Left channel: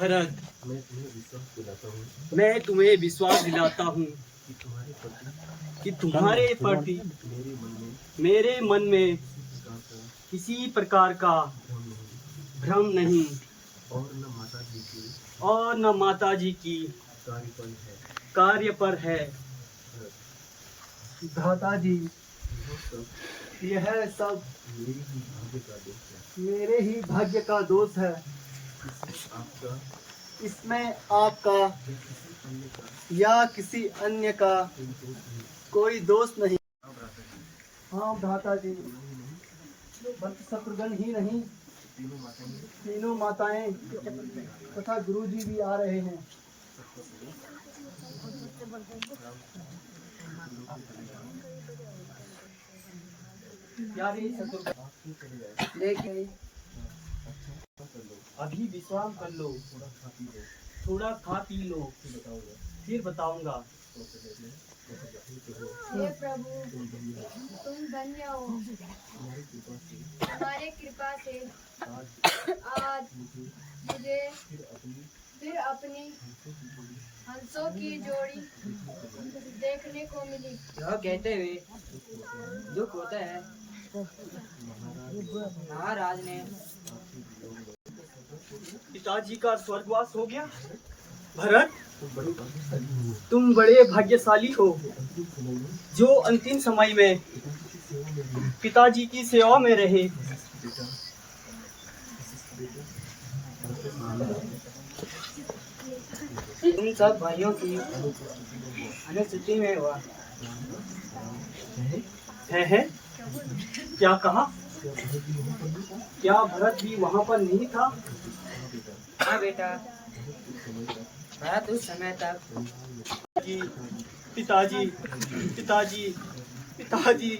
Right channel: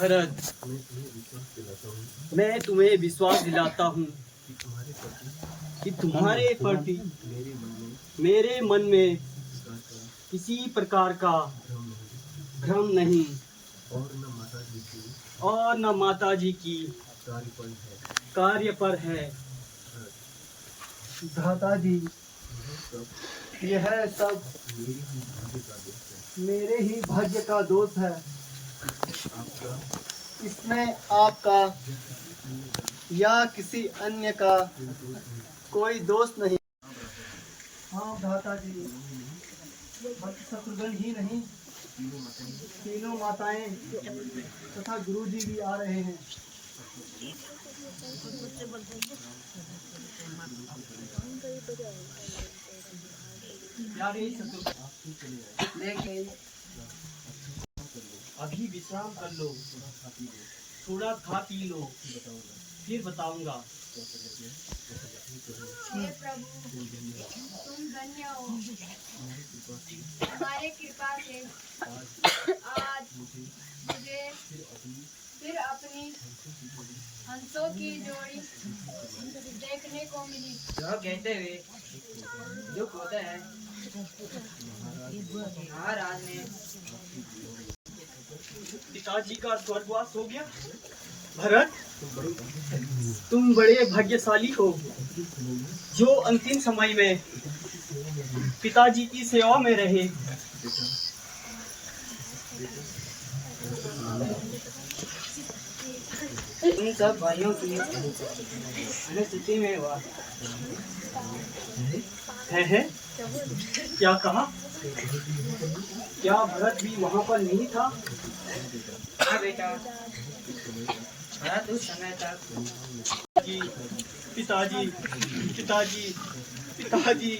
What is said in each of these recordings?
भरत, मैं तुम्हें विश्वास दिलाता हूँ कि तुम्हारे प्रति मेरे मन में किसी प्रकार का भ्रम नहीं और न माता जी की कार्य पर है। भ्राता जी, यह सब मेरे ही भाग्य का दोष है। इसमें आपका या किसी अन्य का कोई दोष नहीं। हाँ भ्राता जी, बल्कि शत्रुघ्न ही नहीं, तीनों माताएं तथा गुरुजी भी आ रहे हैं। यार ये लेकिन अभी विश्राम कर लो, थोड़ा खा पी लो, फिर बताऊंगा। हे प्रभु, तुम धन्य हो। हमारे कृपा से आज मुझे फिर अपनी हंसों की जोड़ी देखने को मिली। यह कहते हुए दुख होता है। महाराज ने पिताजी का स्वर्गवास हो गया। भरत, तुम बड़े भाग्यशाली हो जो अंतिम समय में पिताजी की सेवा में रहे। इन सब भाइयों की अनुस्थिति में हुआ है? क्या कहा? क्या भरत भी वहाँ पर नहीं था? हाँ बेटा, भरत उस समय तक पिताजी पिताजी पिताजी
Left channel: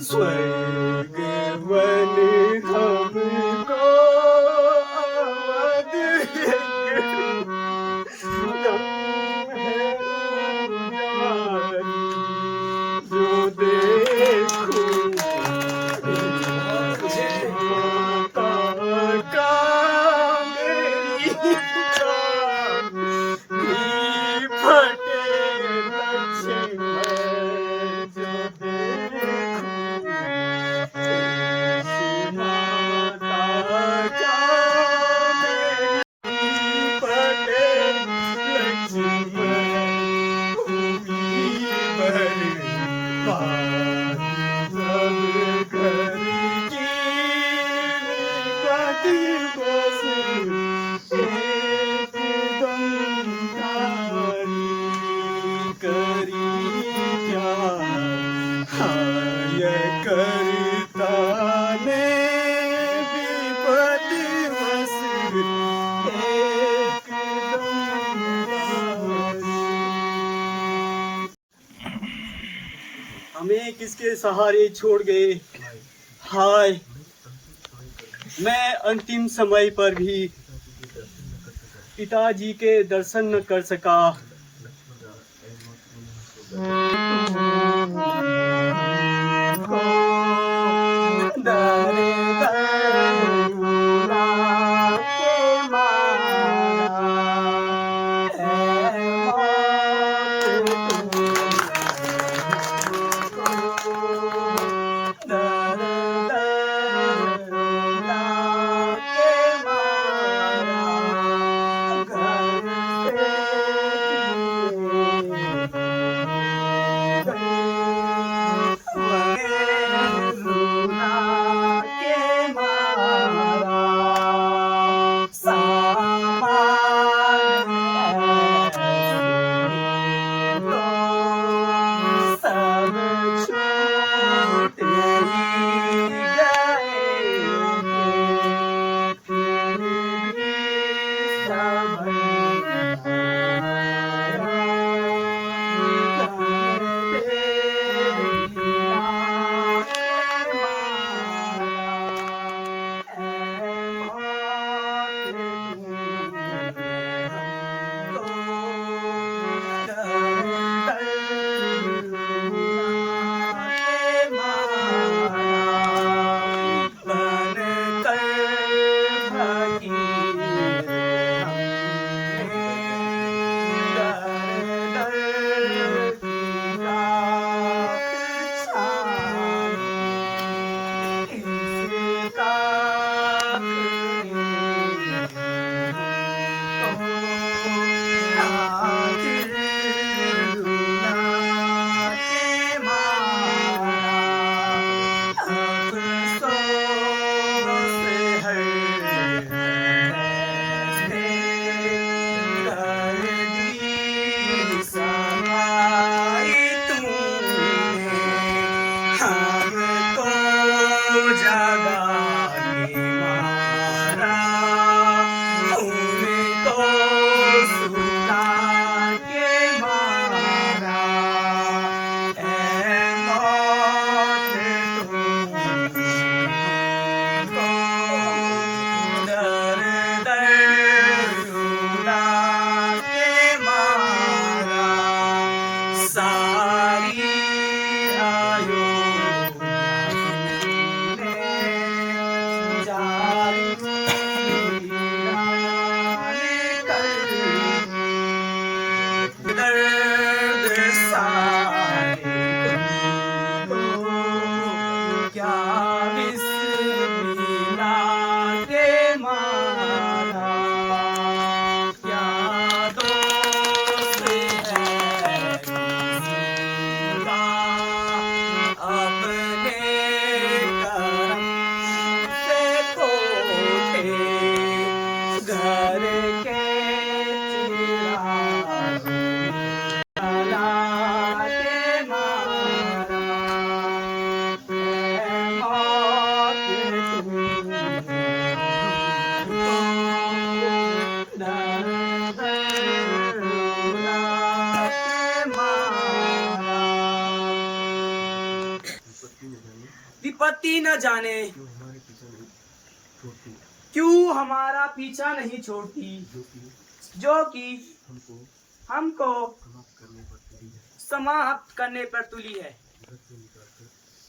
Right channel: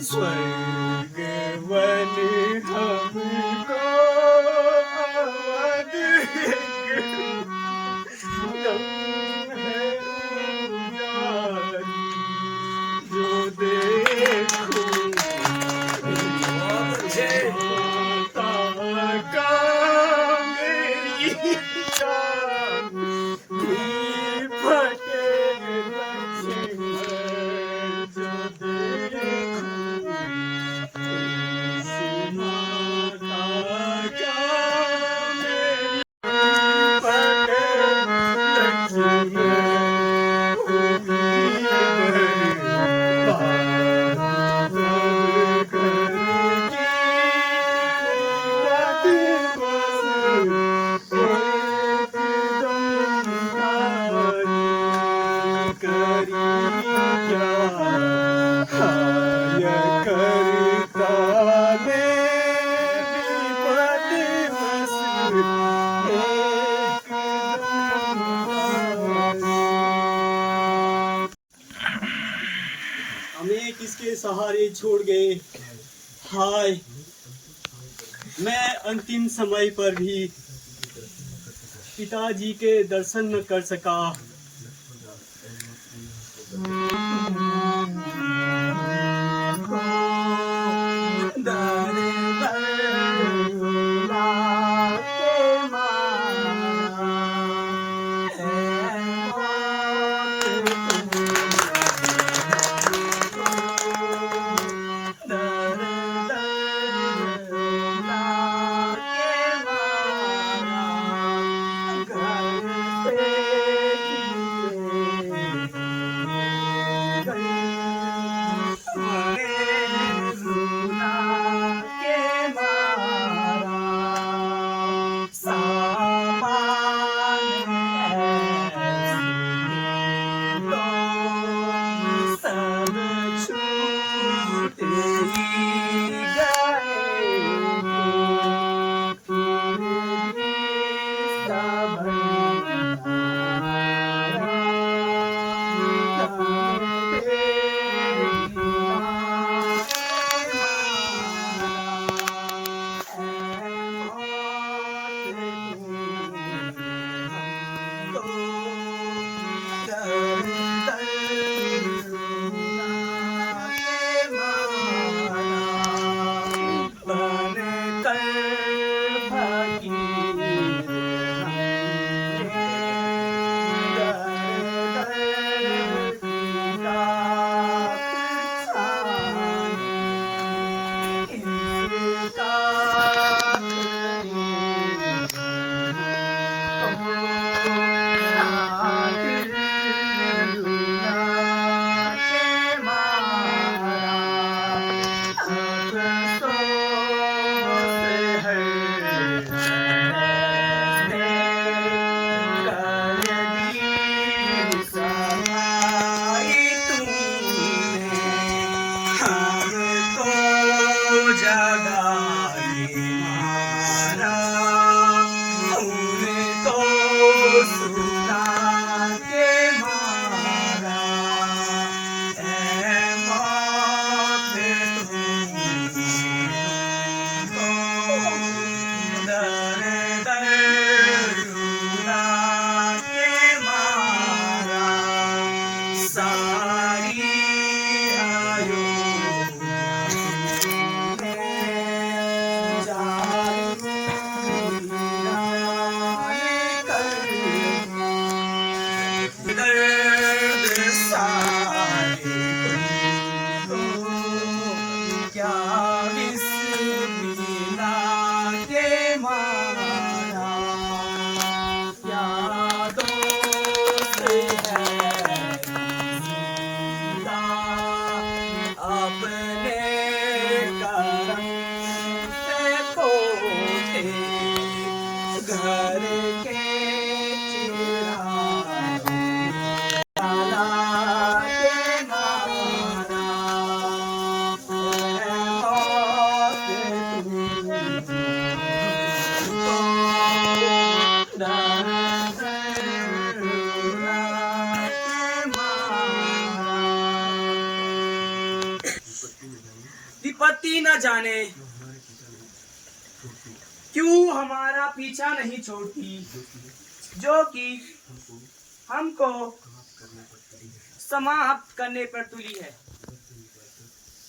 स्वर्ग हमें किसके सहारे छोड़ गए। हाय, मैं अंतिम समय पर भी पिताजी के दर्शन न कर सका। पति न जाने क्यों हमारा पीछा नहीं छोड़ती, जो कि हमको समाप्त करने पर तुली है।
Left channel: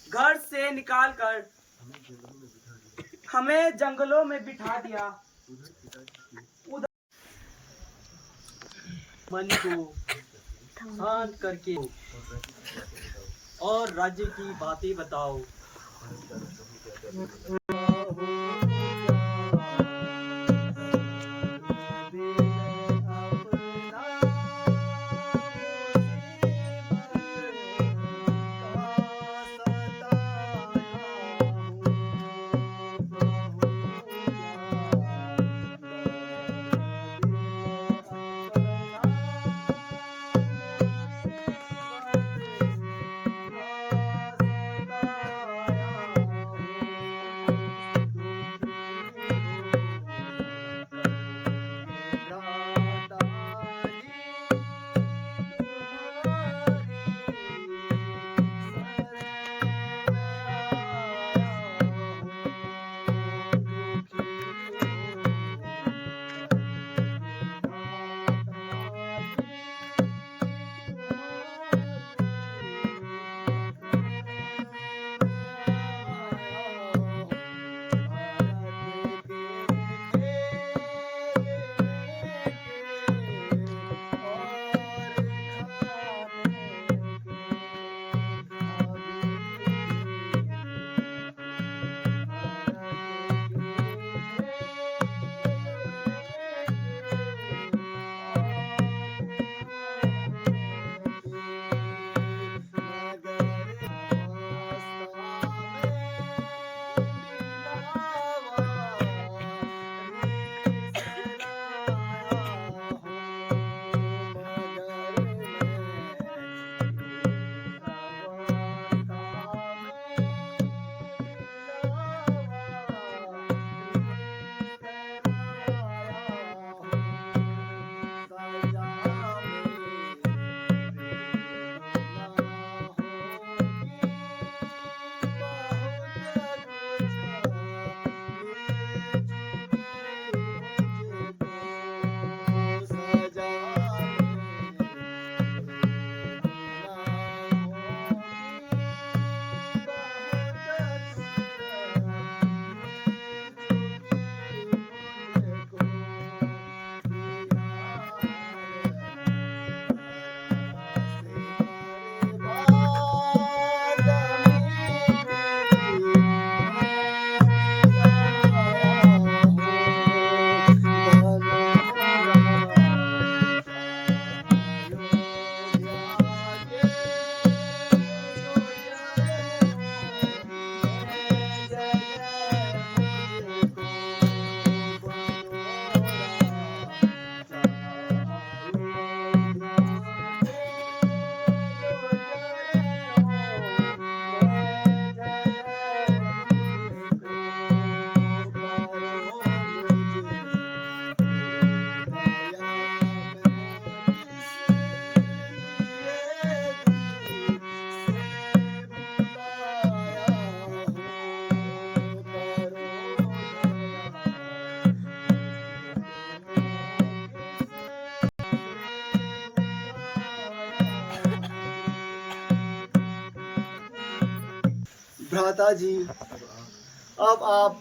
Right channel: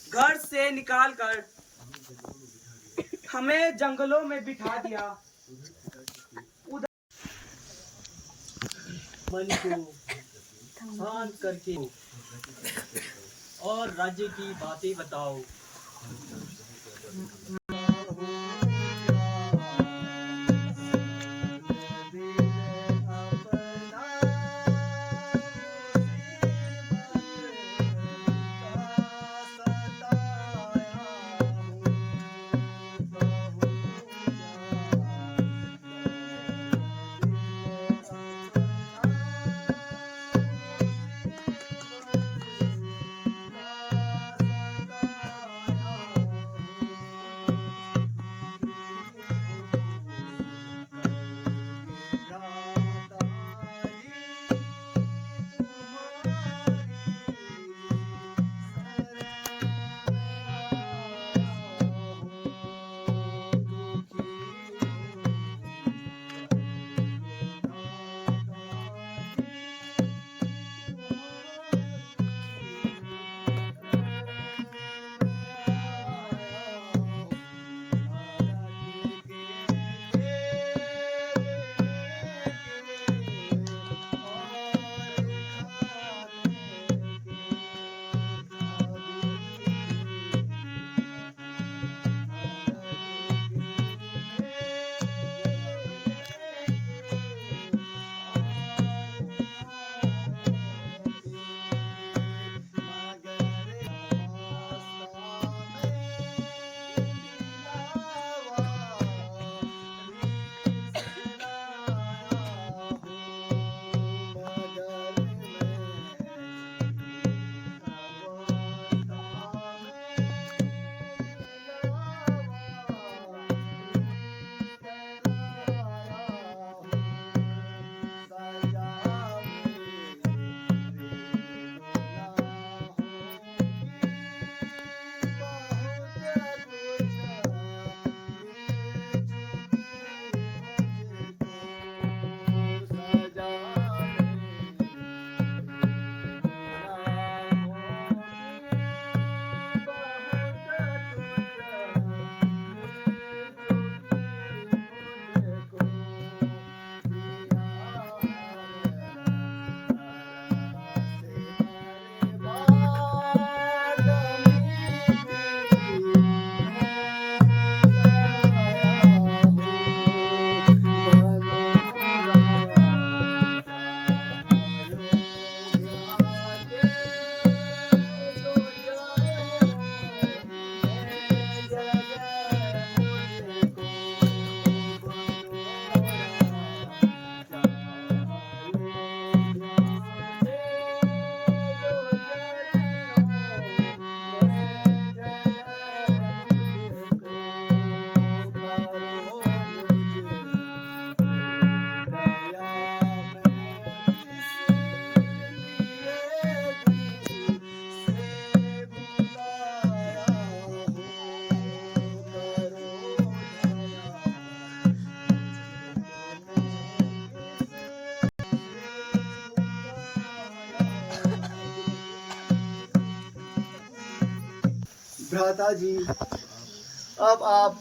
घर से निकाल कर हमें जंगलों में बिठा दिया। उधर मन को शांत करके और राज्य की बातें बताओ। भ्राता जी, अब आप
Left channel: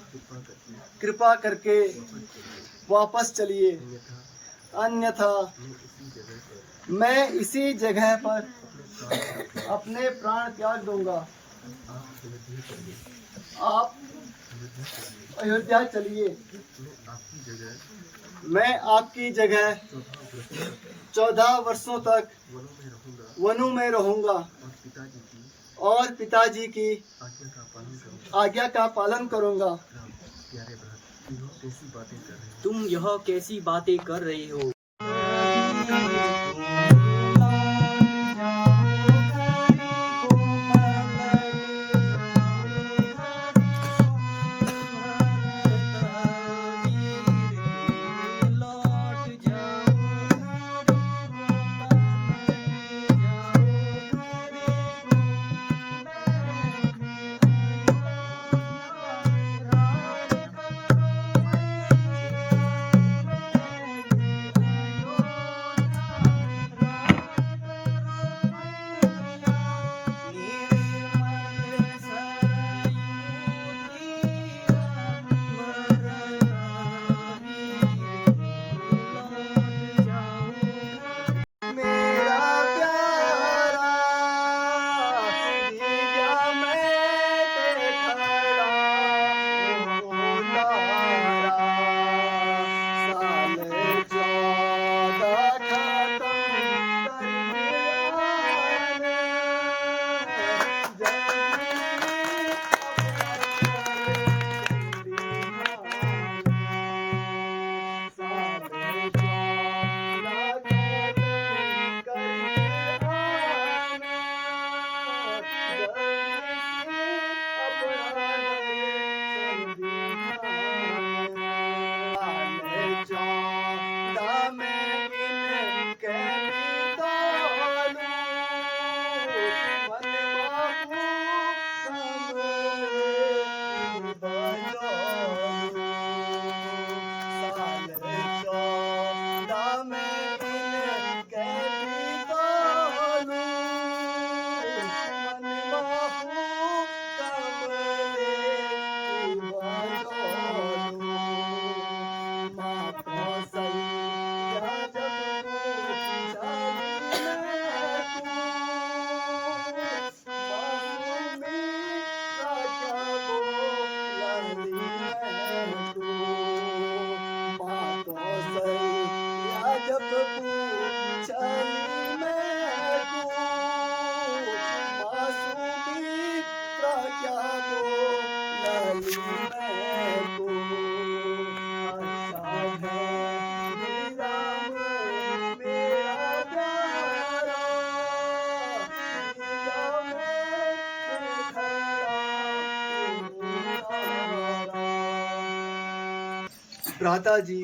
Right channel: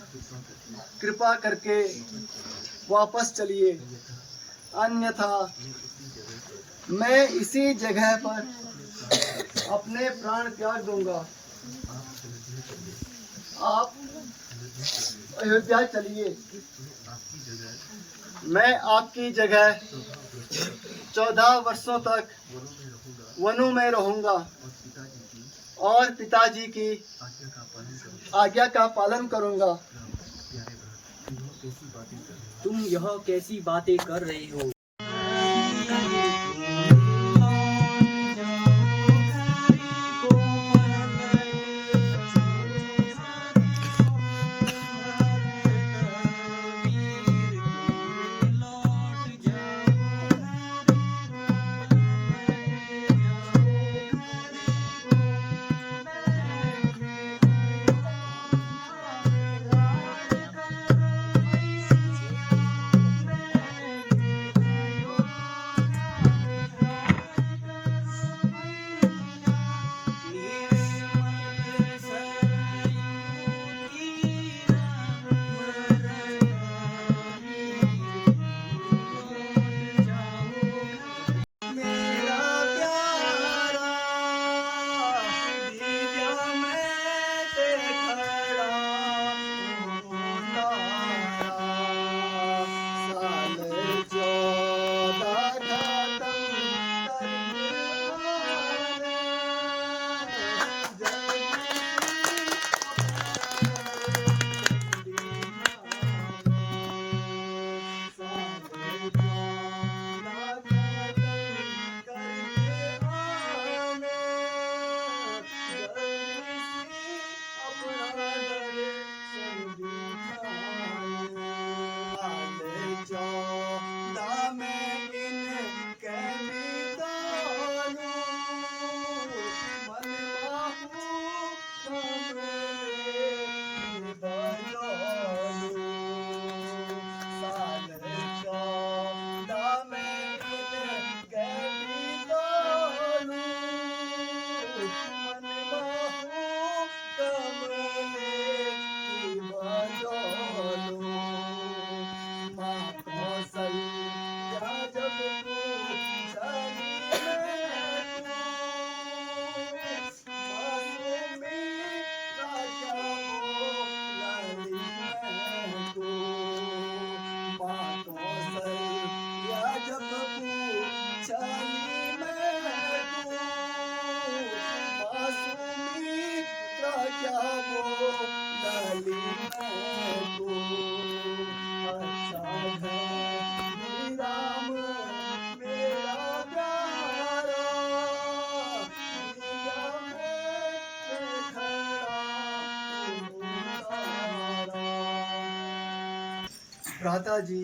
कृपा करके वापस चलिए, अन्यथा मैं इसी जगह पर अपने प्राण त्याग दूंगा। आप अयोध्या चलिए, मैं आपकी जगह 14 वर्षों तक वनों में रहूंगा और पिताजी की आज्ञा का पालन करूंगा। तुम यह कैसी बातें कर रही हो? को अच्छा है राम मेरा प्यारा, दिया मैं खड़ा भ्राता जी।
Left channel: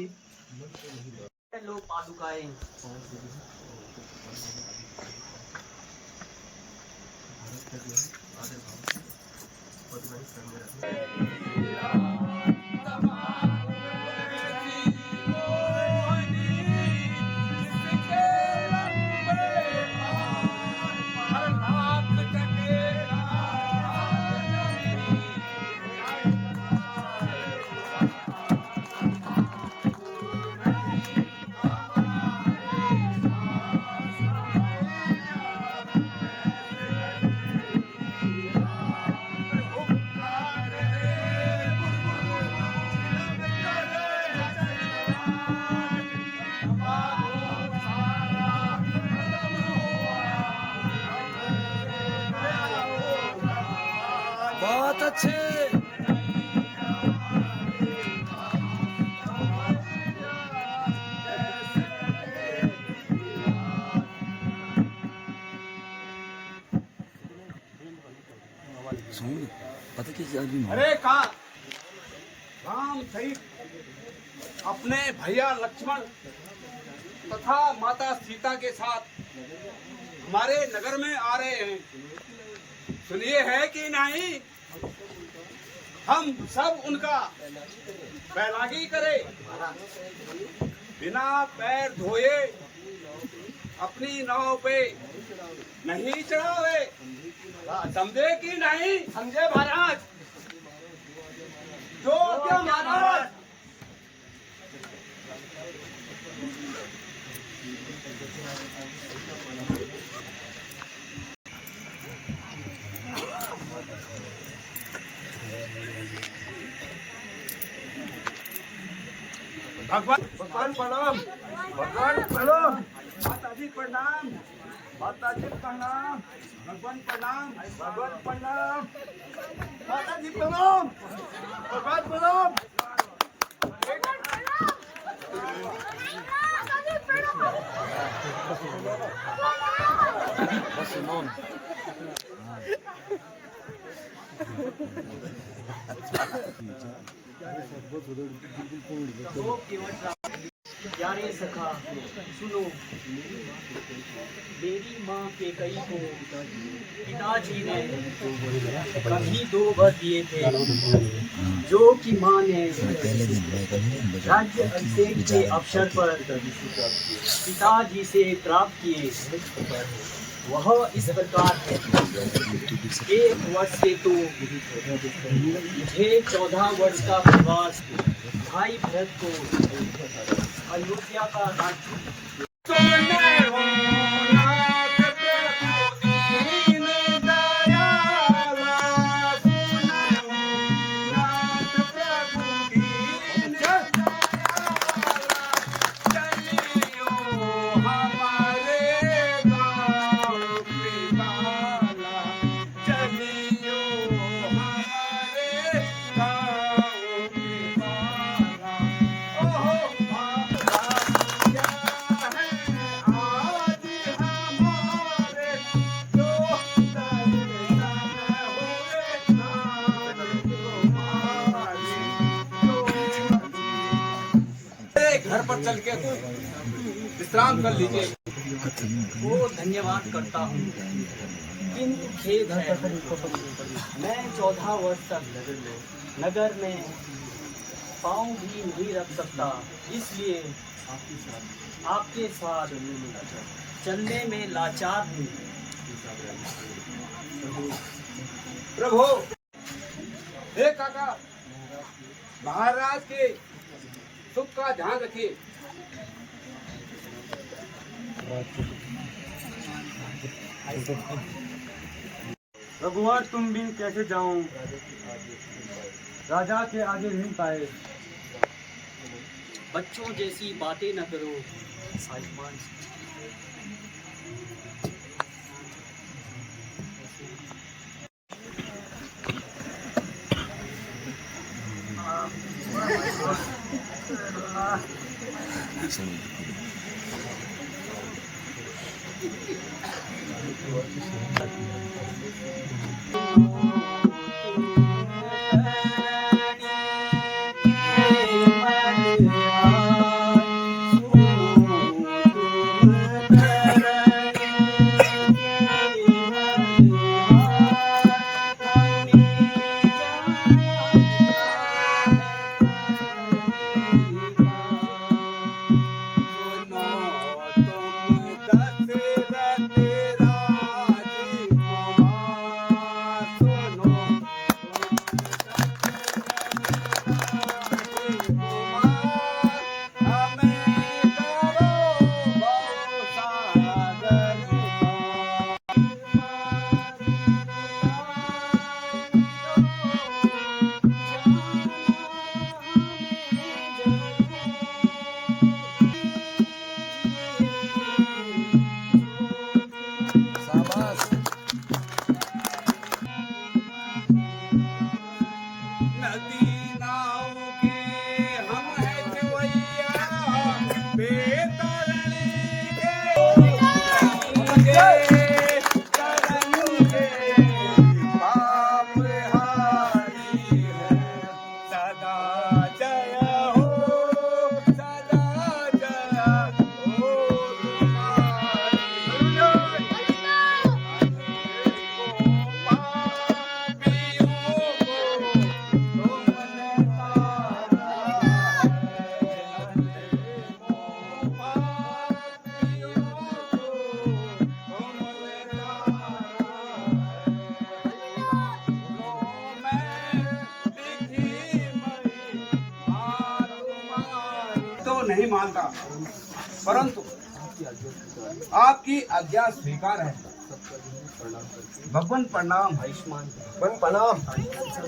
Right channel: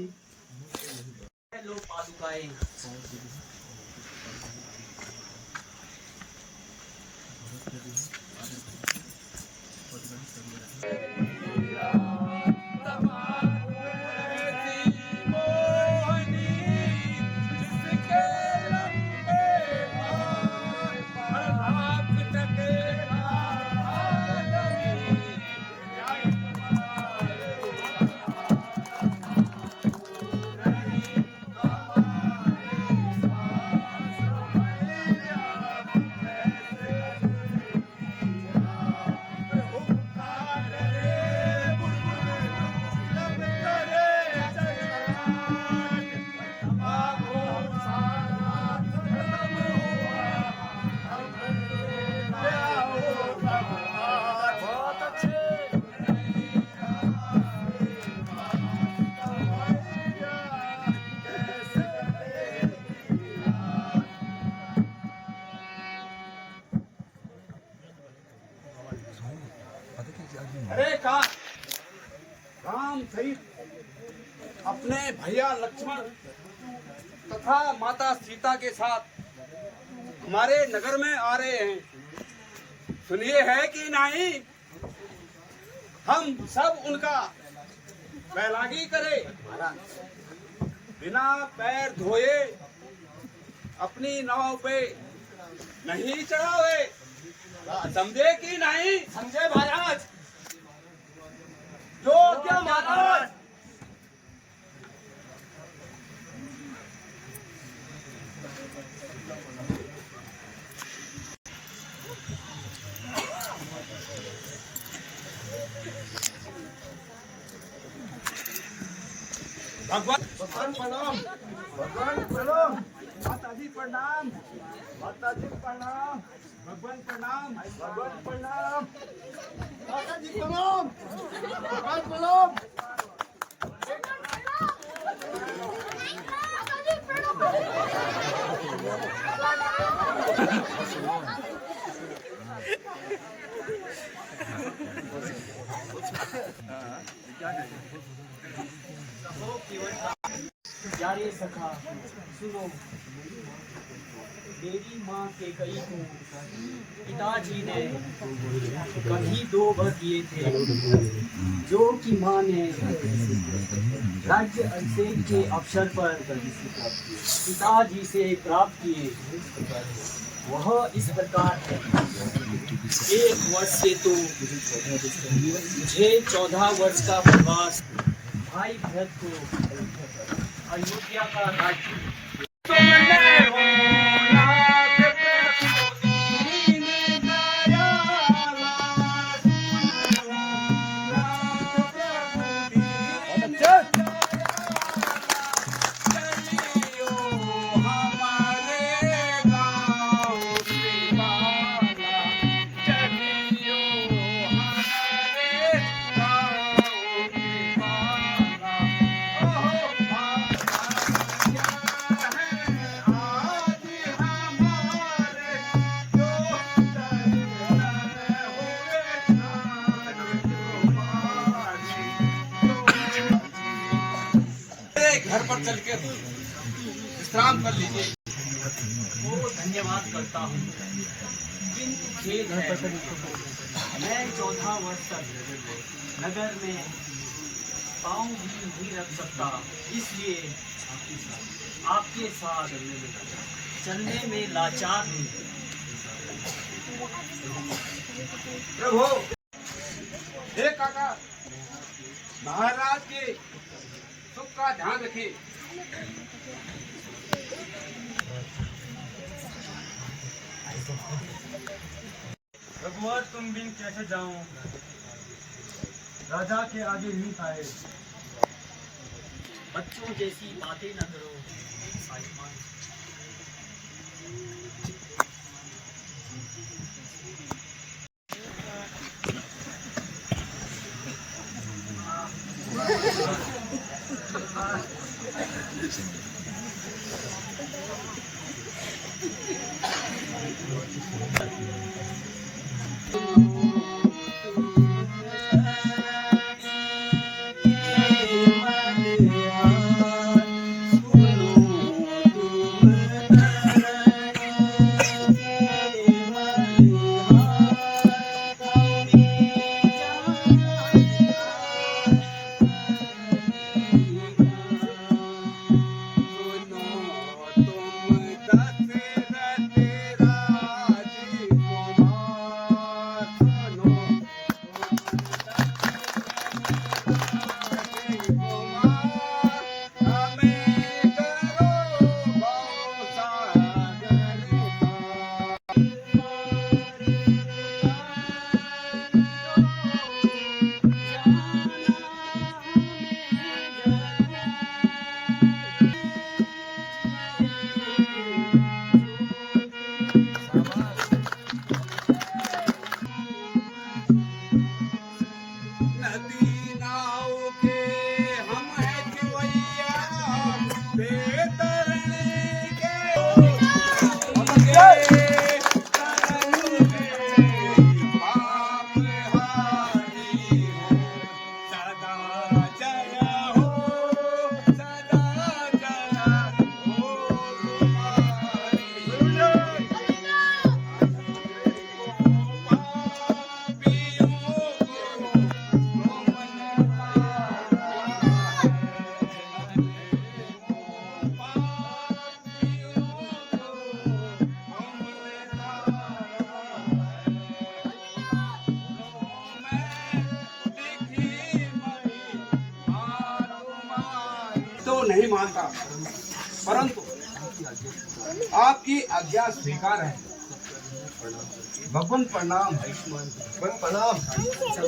लो पादुकाएं। अरे कहा राम सहित अपने भैया लक्ष्मण तथा माता सीता के साथ हमारे नगर में आ रहे हैं। सुनिए है कि नहीं, हम सब उनका बैलागी करें, बिना पैर धोए अपनी नाव पे नहीं चढ़ावे। समझे कि नहीं? समझे महाराज? जो क्या महाराज? भगवान प्रणाम, भगवान प्रणाम, माता जी प्रणाम, माता जी प्रणाम, भगवान प्रणाम, भगवान प्रणाम, माता जी प्रणाम, भगवान प्रणाम। प्यारे सखा सुनो, मेरी माँ के कई को पिताजी ने कभी 2 वर दिए थे, जो कि माँ ने राज्य अभिषेक के अवसर पर पिताजी से प्राप्त किए। वह इस प्रकार है। 1 वर्ष से तो मुझे 14 वर्ष का प्रवास भाई भरत को अयोध्या का राज्य घर पर चल के विश्राम कर लीजिए। को धन्यवाद करता हूँ, किंतु खेद है मैं 14 वर्ष तक नगर में पाँव भी नहीं रख सकता, इसलिए आपके साथ चलने में लाचार हूँ। प्रभु, हे काका, महाराज के सुख का ध्यान रखिए। रघुवर, तुम बिन कैसे जाऊं, राजा के आगे नहीं पाए। बच्चों जैसी बातें न करो साहिबमान। नहीं मानता, परंतु आपकी आज्ञा स्वीकार है। भगवान प्रणाम, भगवान प्रणाम,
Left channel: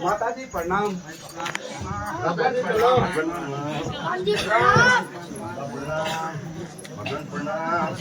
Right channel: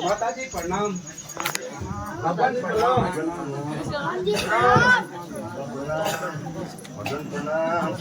माता जी प्रणाम, भगवान प्रणाम, भगवान प्रणाम।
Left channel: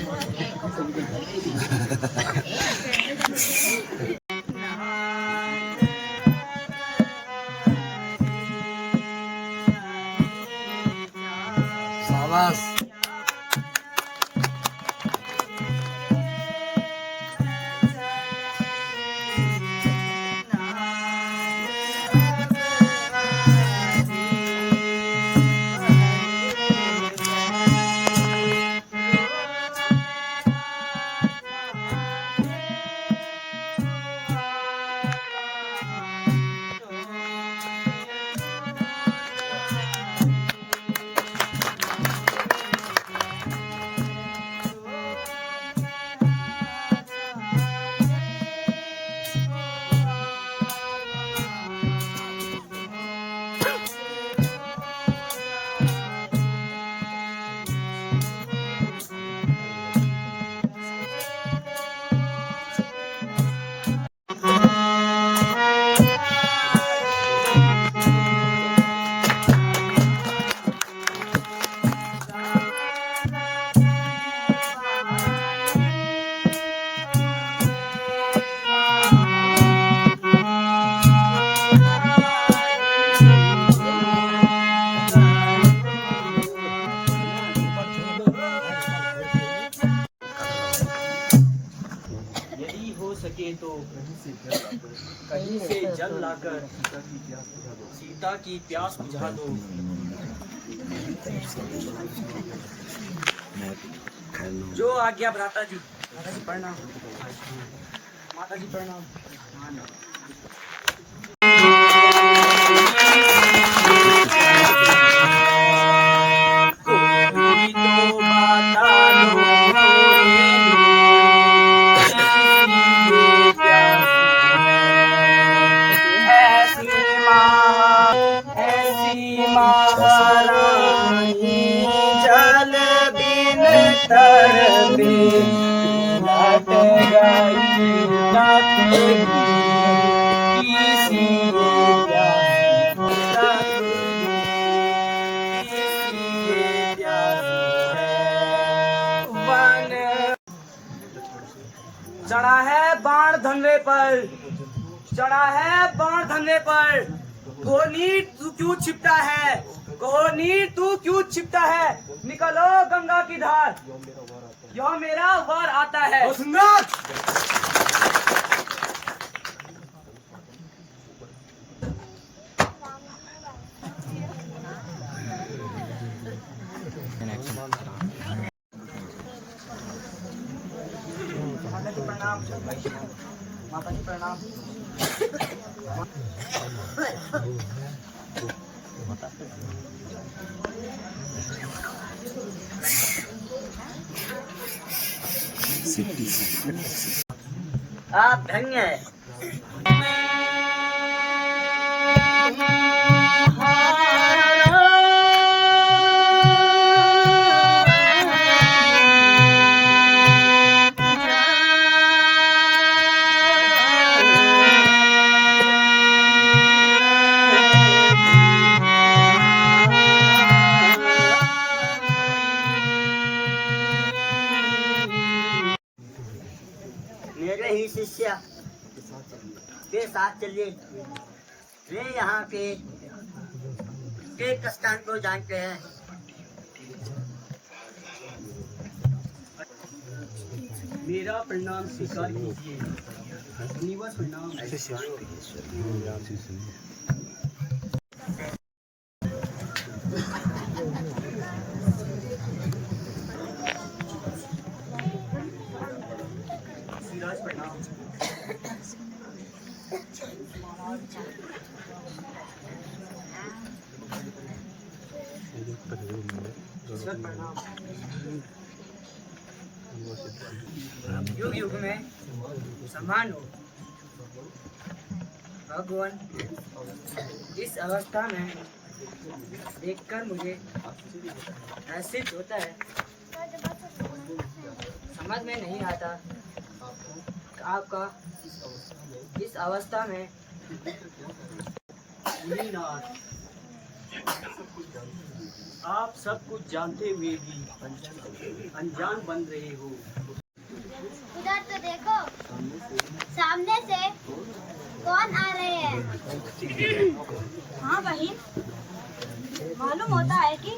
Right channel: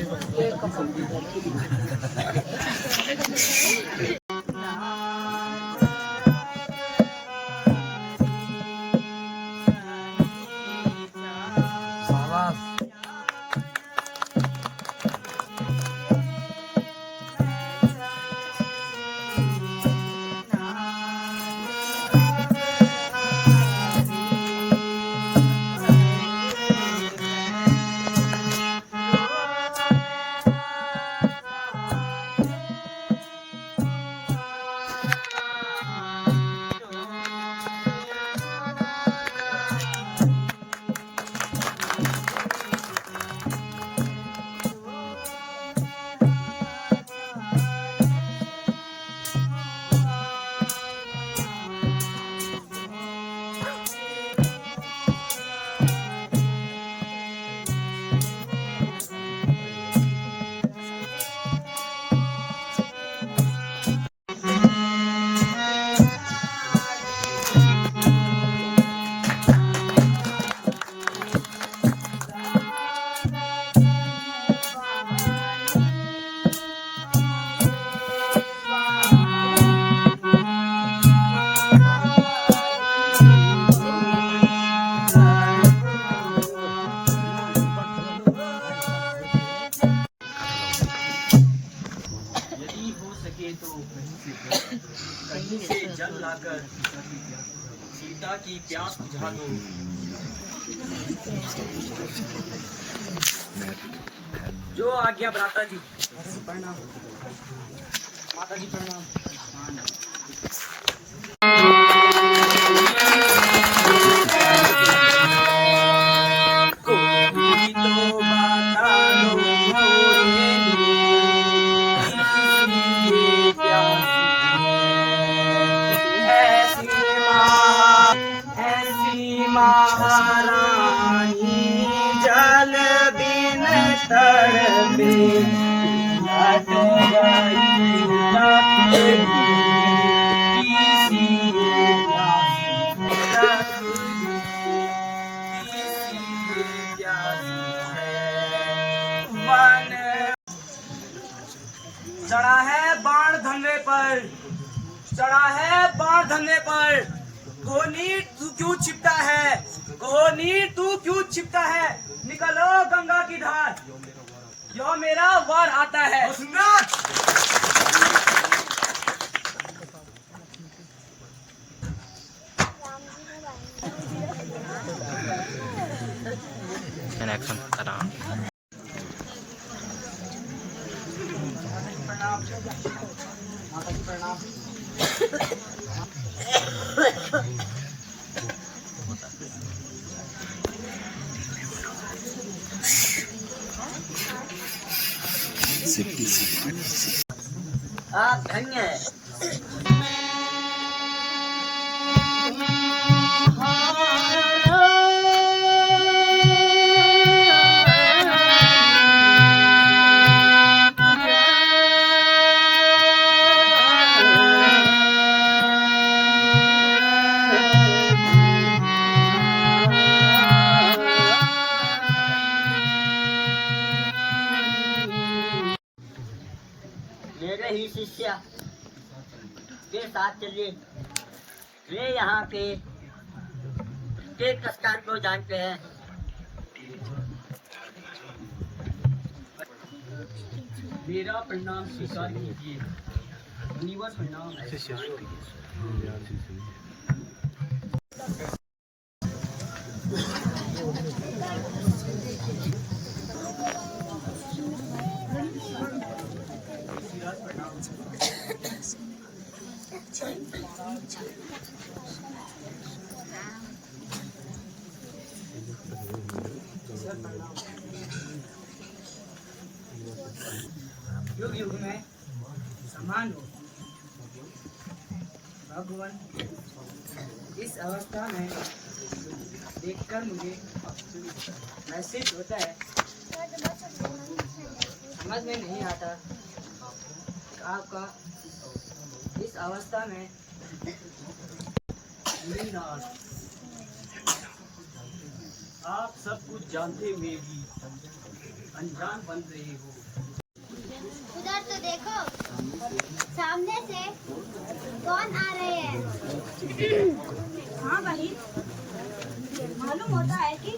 कहीं से जल लाकर सीता की प्यास बुझा दो। जो आज्ञा भ्राता जी। माता जी प्रणाम, माता जी प्रणाम। कोई तो बता दो जल बिन तरबे लट गई चढ़ा है बाण धनवे पर, चढ़ा है बाण धनवे पर, कोहनीर तू क्यों छिपता है, कोहनीर तू क्यों छिपता है, निकलो गंगा की धार, यह मेरा वार आता है। प्रणाम माता जी, प्रणाम। आप धन्य है। मेरे ही शिष्य के साथ चलिए। वे यहाँ के स्थान को जानते हैं। मेरा प्रणाम स्वीकार कीजिए। निवास प्रणाम। सिराज प्रणाम। सर प्रणाम। युग युग में समान हो भगवान। इस अवस्था में देखकर मुझे महसूस होता है, समझ में नहीं आता आपका इस अवस्था में। मुनीनाथ, आप सब कुछ जानते हुए भी अनजान बन रहे हो। उधर तो देखो, सामने से कौन आ रहे हैं? हाँ बहन, मालूम होता है कि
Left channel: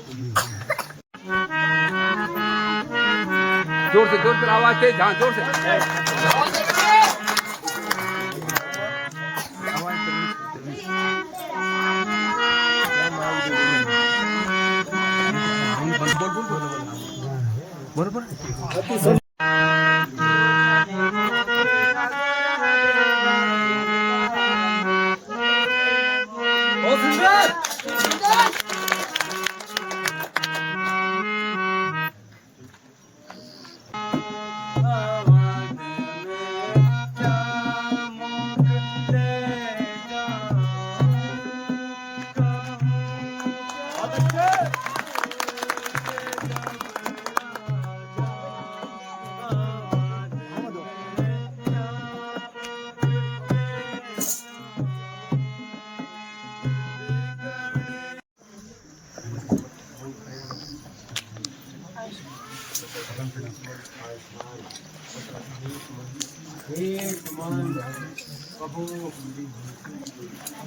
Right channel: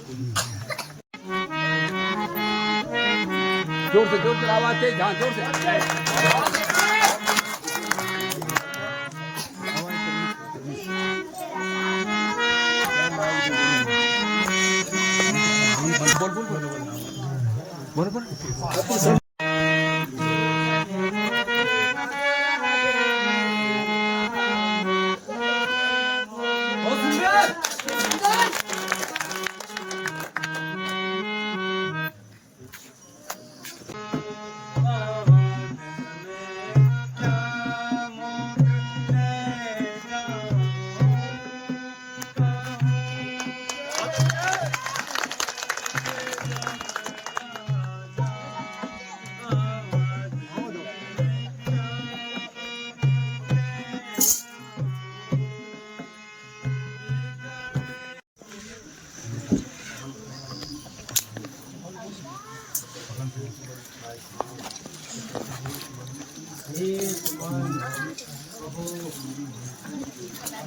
जोर से आवाज तेज, हाँ जोर से। बोल बोल। कहो,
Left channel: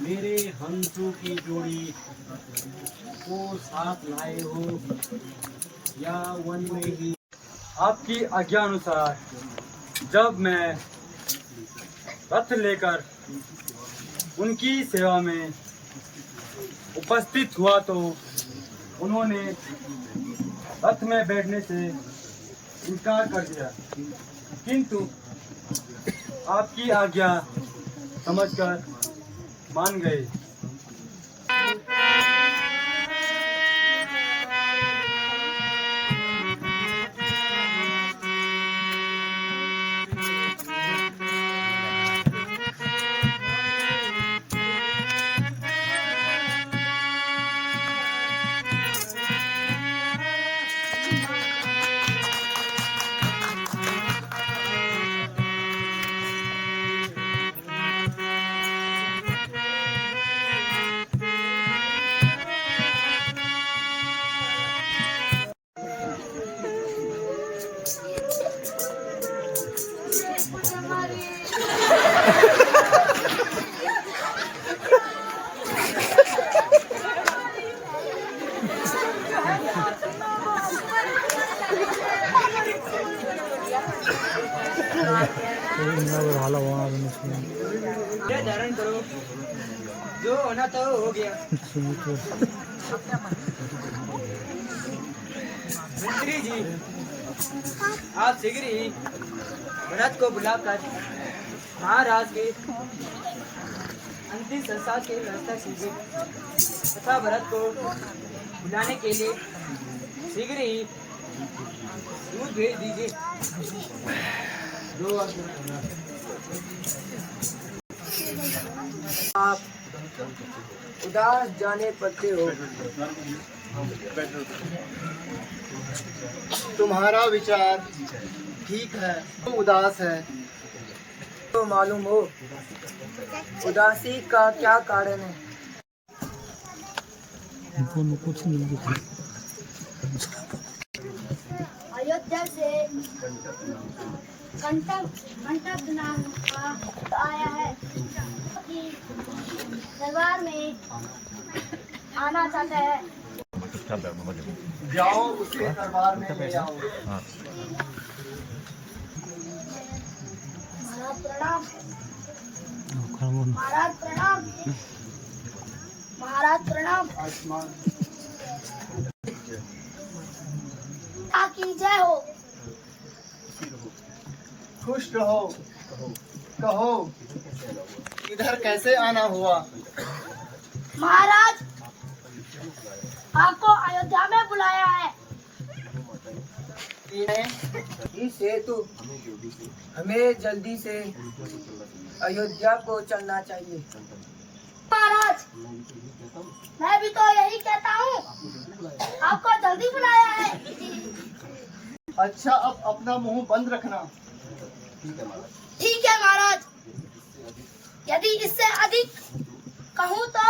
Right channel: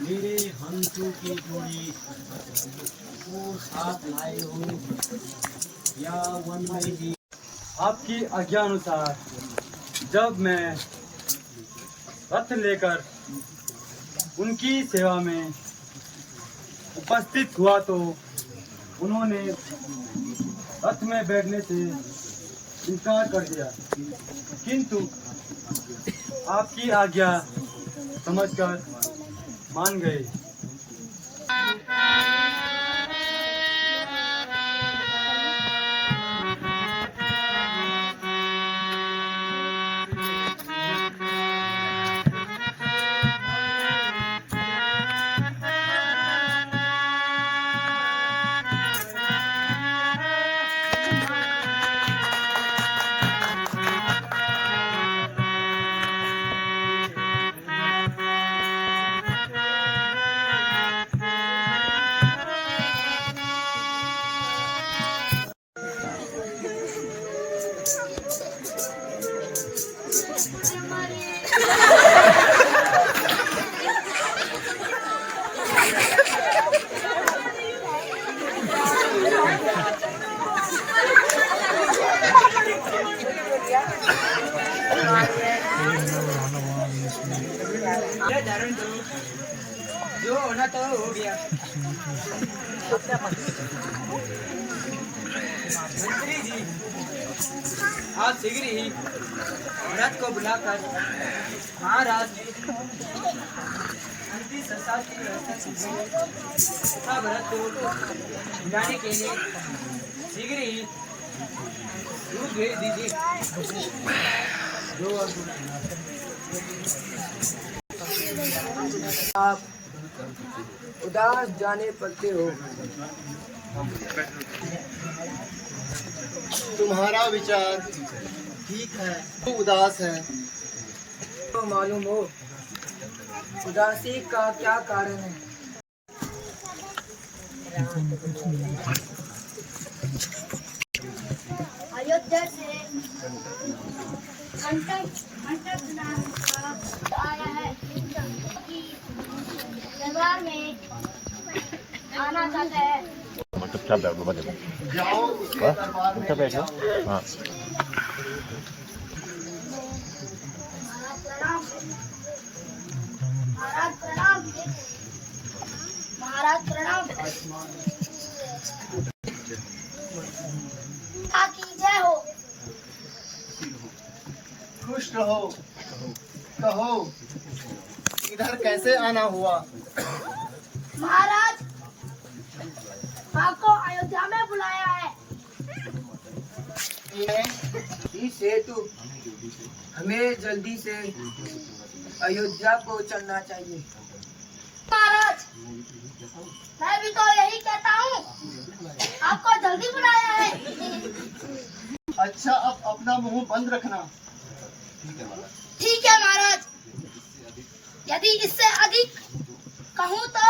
मेरे हंसों की जोड़ी को साथ लाए हो या वन में ही? आपकी आज्ञा अनुसार जब मैं रथ लेकर उनकी सेवा में उपस्थित हुआ तो उन्होंने रथ में बैठने से इनकार कर दिया, किंतु आपकी आज्ञा समझकर मान गए। आना तो हो गया। मंत्री जी, आप शीघ्र ही भरत को बुलाकर महाराज के अंतिम संस्कार की व्यवस्था कीजिए तथा भरत को बुलाने के लिए शीघ्र ही दूध भेज दीजिए। आप उदास जाने पड़ते हो। तुम्हारा विचार ठीक है, तू उदास है। तो मालूम हो उदासी का क्या कारण है? अयोध्या से कंटक नाम का आया है कि दरबार में आना चाहता है। जाओ उसके दरबार में ले आओ। महाराज प्रणाम। महाराज प्रणाम। की जय हो। खुश रहो। कहो इधर कैसे आना हुआ? महाराज आपको अयोध्या में बुलाया है। इस हेतु हमें जल्दी से अयोध्या को चलना चाहिए। महाराज मैं भी तो यही कहता हूँ, आपको जल्दी बुलाया है। अच्छा, अब अपना मुंह बंद रखना। ठीक है महाराज, यदि इससे अधिक कहूँ तो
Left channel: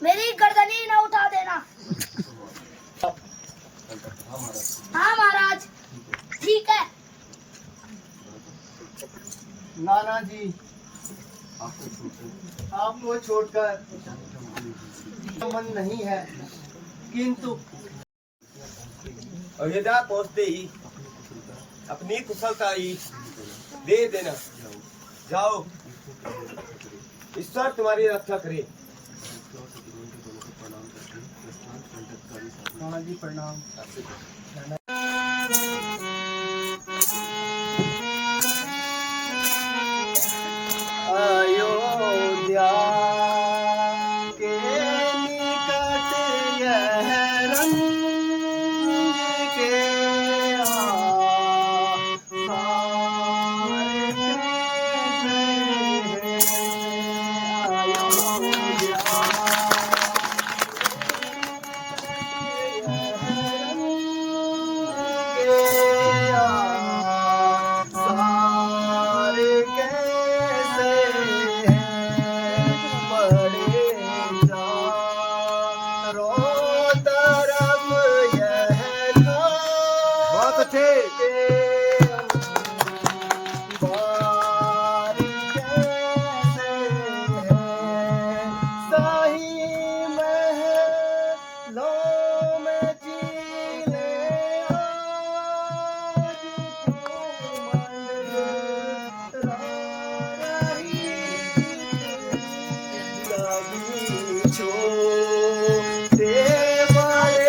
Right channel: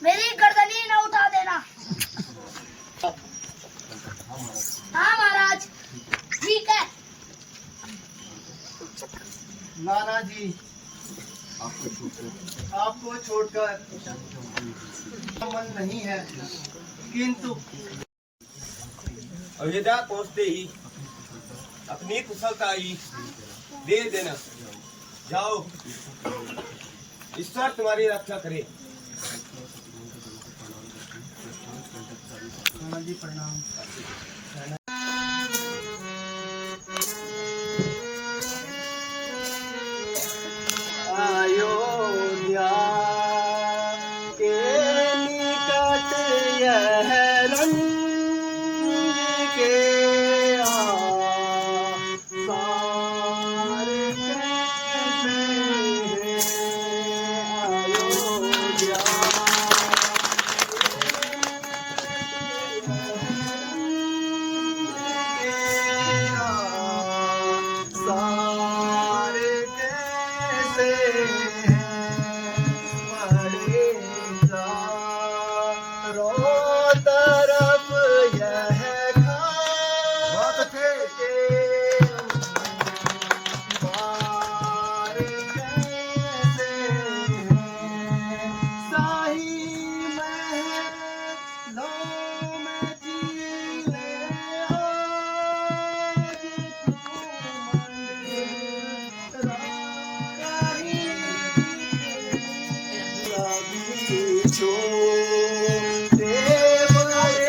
मेरी गर्दनी न उठा देना। हाँ महाराज ठीक है। नाना जी, आपको छोड़कर मन नहीं है, किंतु अयोध्या पहुंचते ही अपनी कुशलता ही दे देना। जाओ, ईश्वर तुम्हारी रक्षा करे। नाना जी प्रणाम। अयोध्या के निकट यह रंग के आसार कैसे अयोध्या सार कैसे बड़े चारों तरफ यह बहुत अच्छे। बार कैसे शाही महलों में जीले आज लगी छोटे बड़े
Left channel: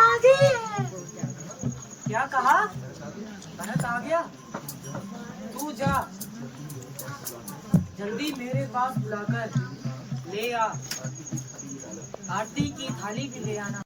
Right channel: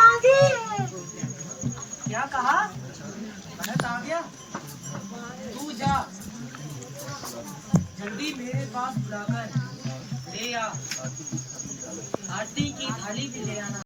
पिताजी। क्या कहा? भरत आ गया? तू जा, जल्दी मेरे पास बुलाकर ले आ, आरती की थाली भी ले आना।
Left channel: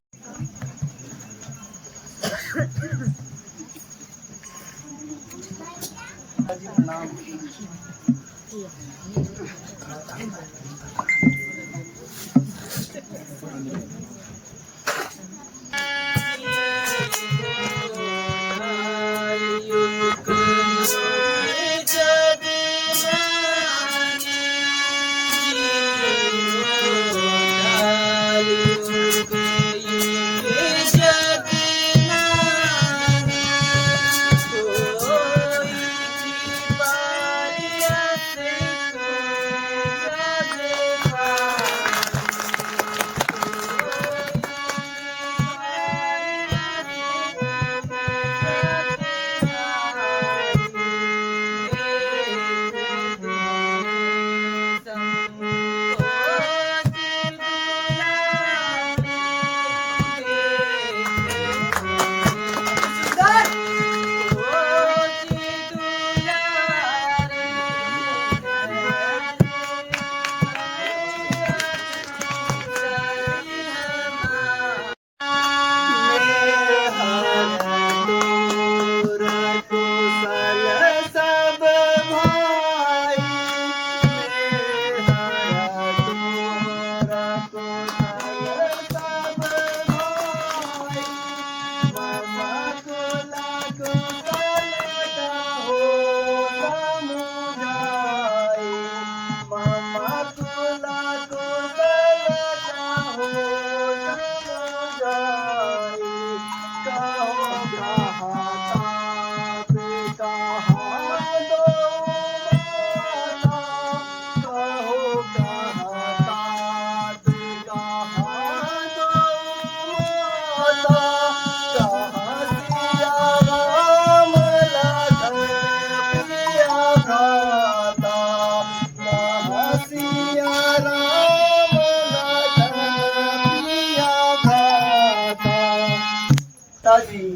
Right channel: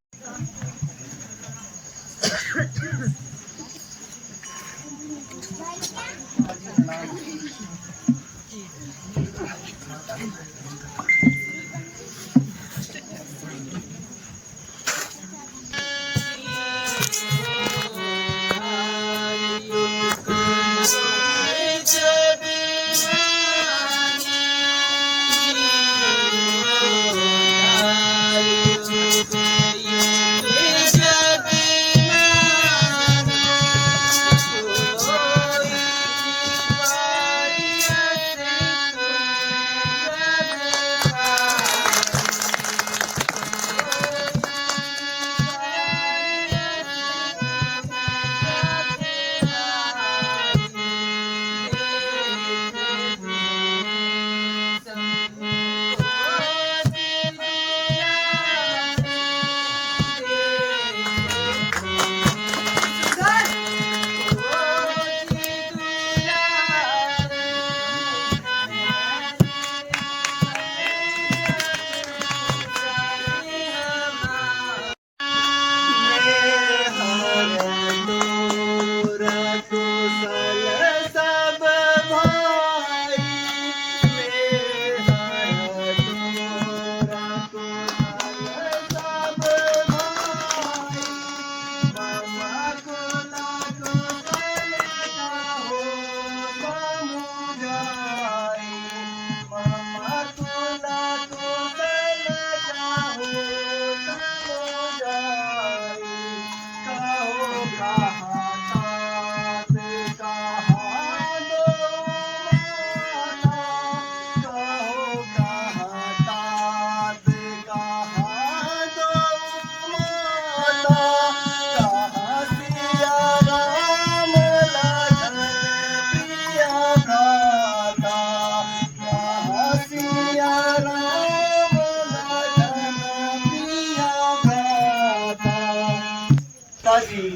पिताजी,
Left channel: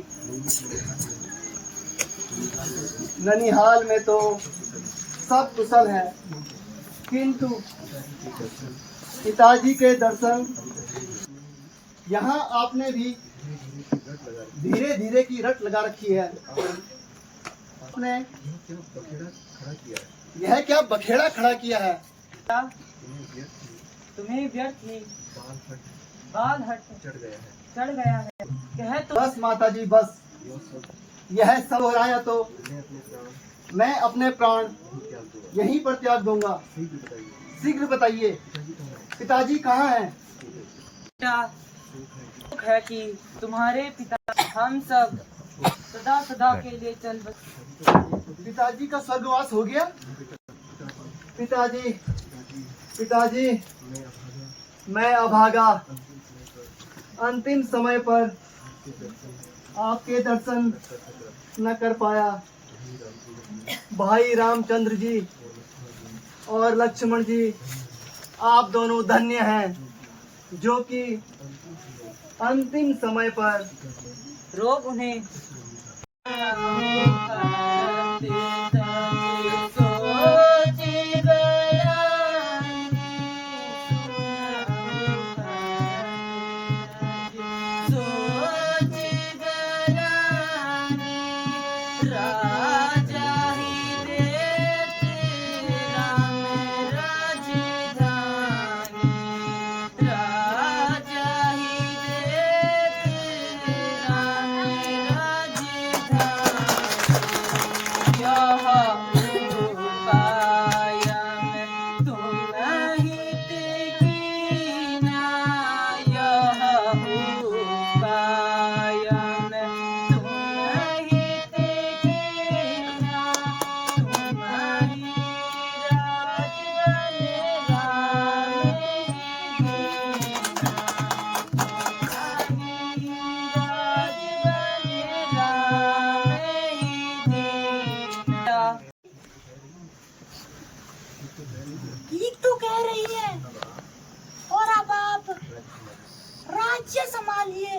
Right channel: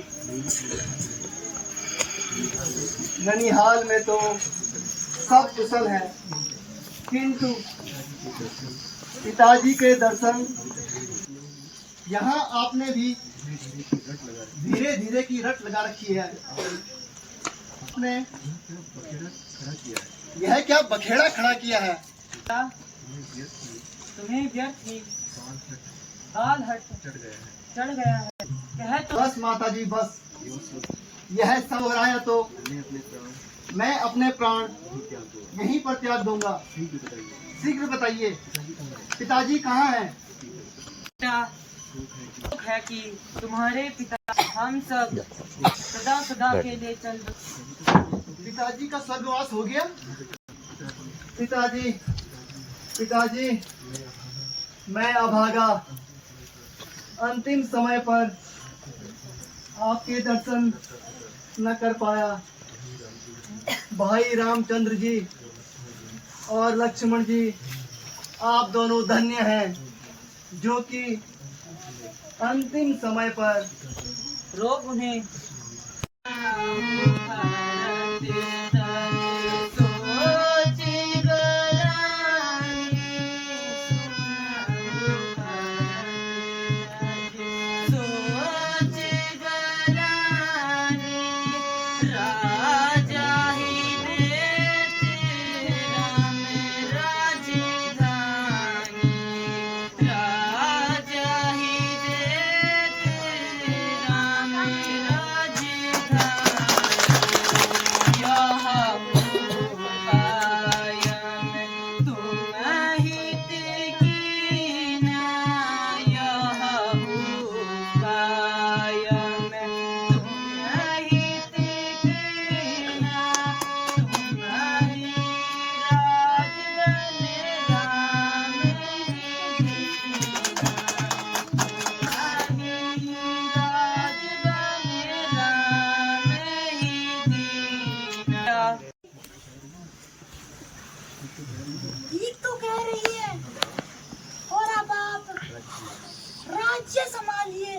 ननिहाल में तो सब कुशल है, किंतु पिताजी के दर्शन यहाँ आपने भी धीरे धीरे की रट लगा रखी है। आपने यह क्या बखेड़ा खड़ा किया है? तुम्हें व्यर्थ ही बाल हट चढ़ गया है। कह तो बस माता जी बस, यह सब हो रहा है तो मैं अपने प्राण यहीं पर त्याग दूंगा। शीघ्र बताइए, पिताजी कहाँ हैं? बेटा, दुख है कि तुम्हारे पिता हम सब सदा सदा के लिए चल बसे। पिताजी का स्वर्गवास हो गया? पिताजी, पिताजी, मैं अभागा अंतिम समय पर आपके दर्शन न कर पाया। भाई रामचंद्र जी और लक्ष्मण जी, आप दोनों धन्य हैं जो कि अंतिम समय पर रोग उन्हें ठीक तो कह रही है। और अब आप राज्य संभालिए।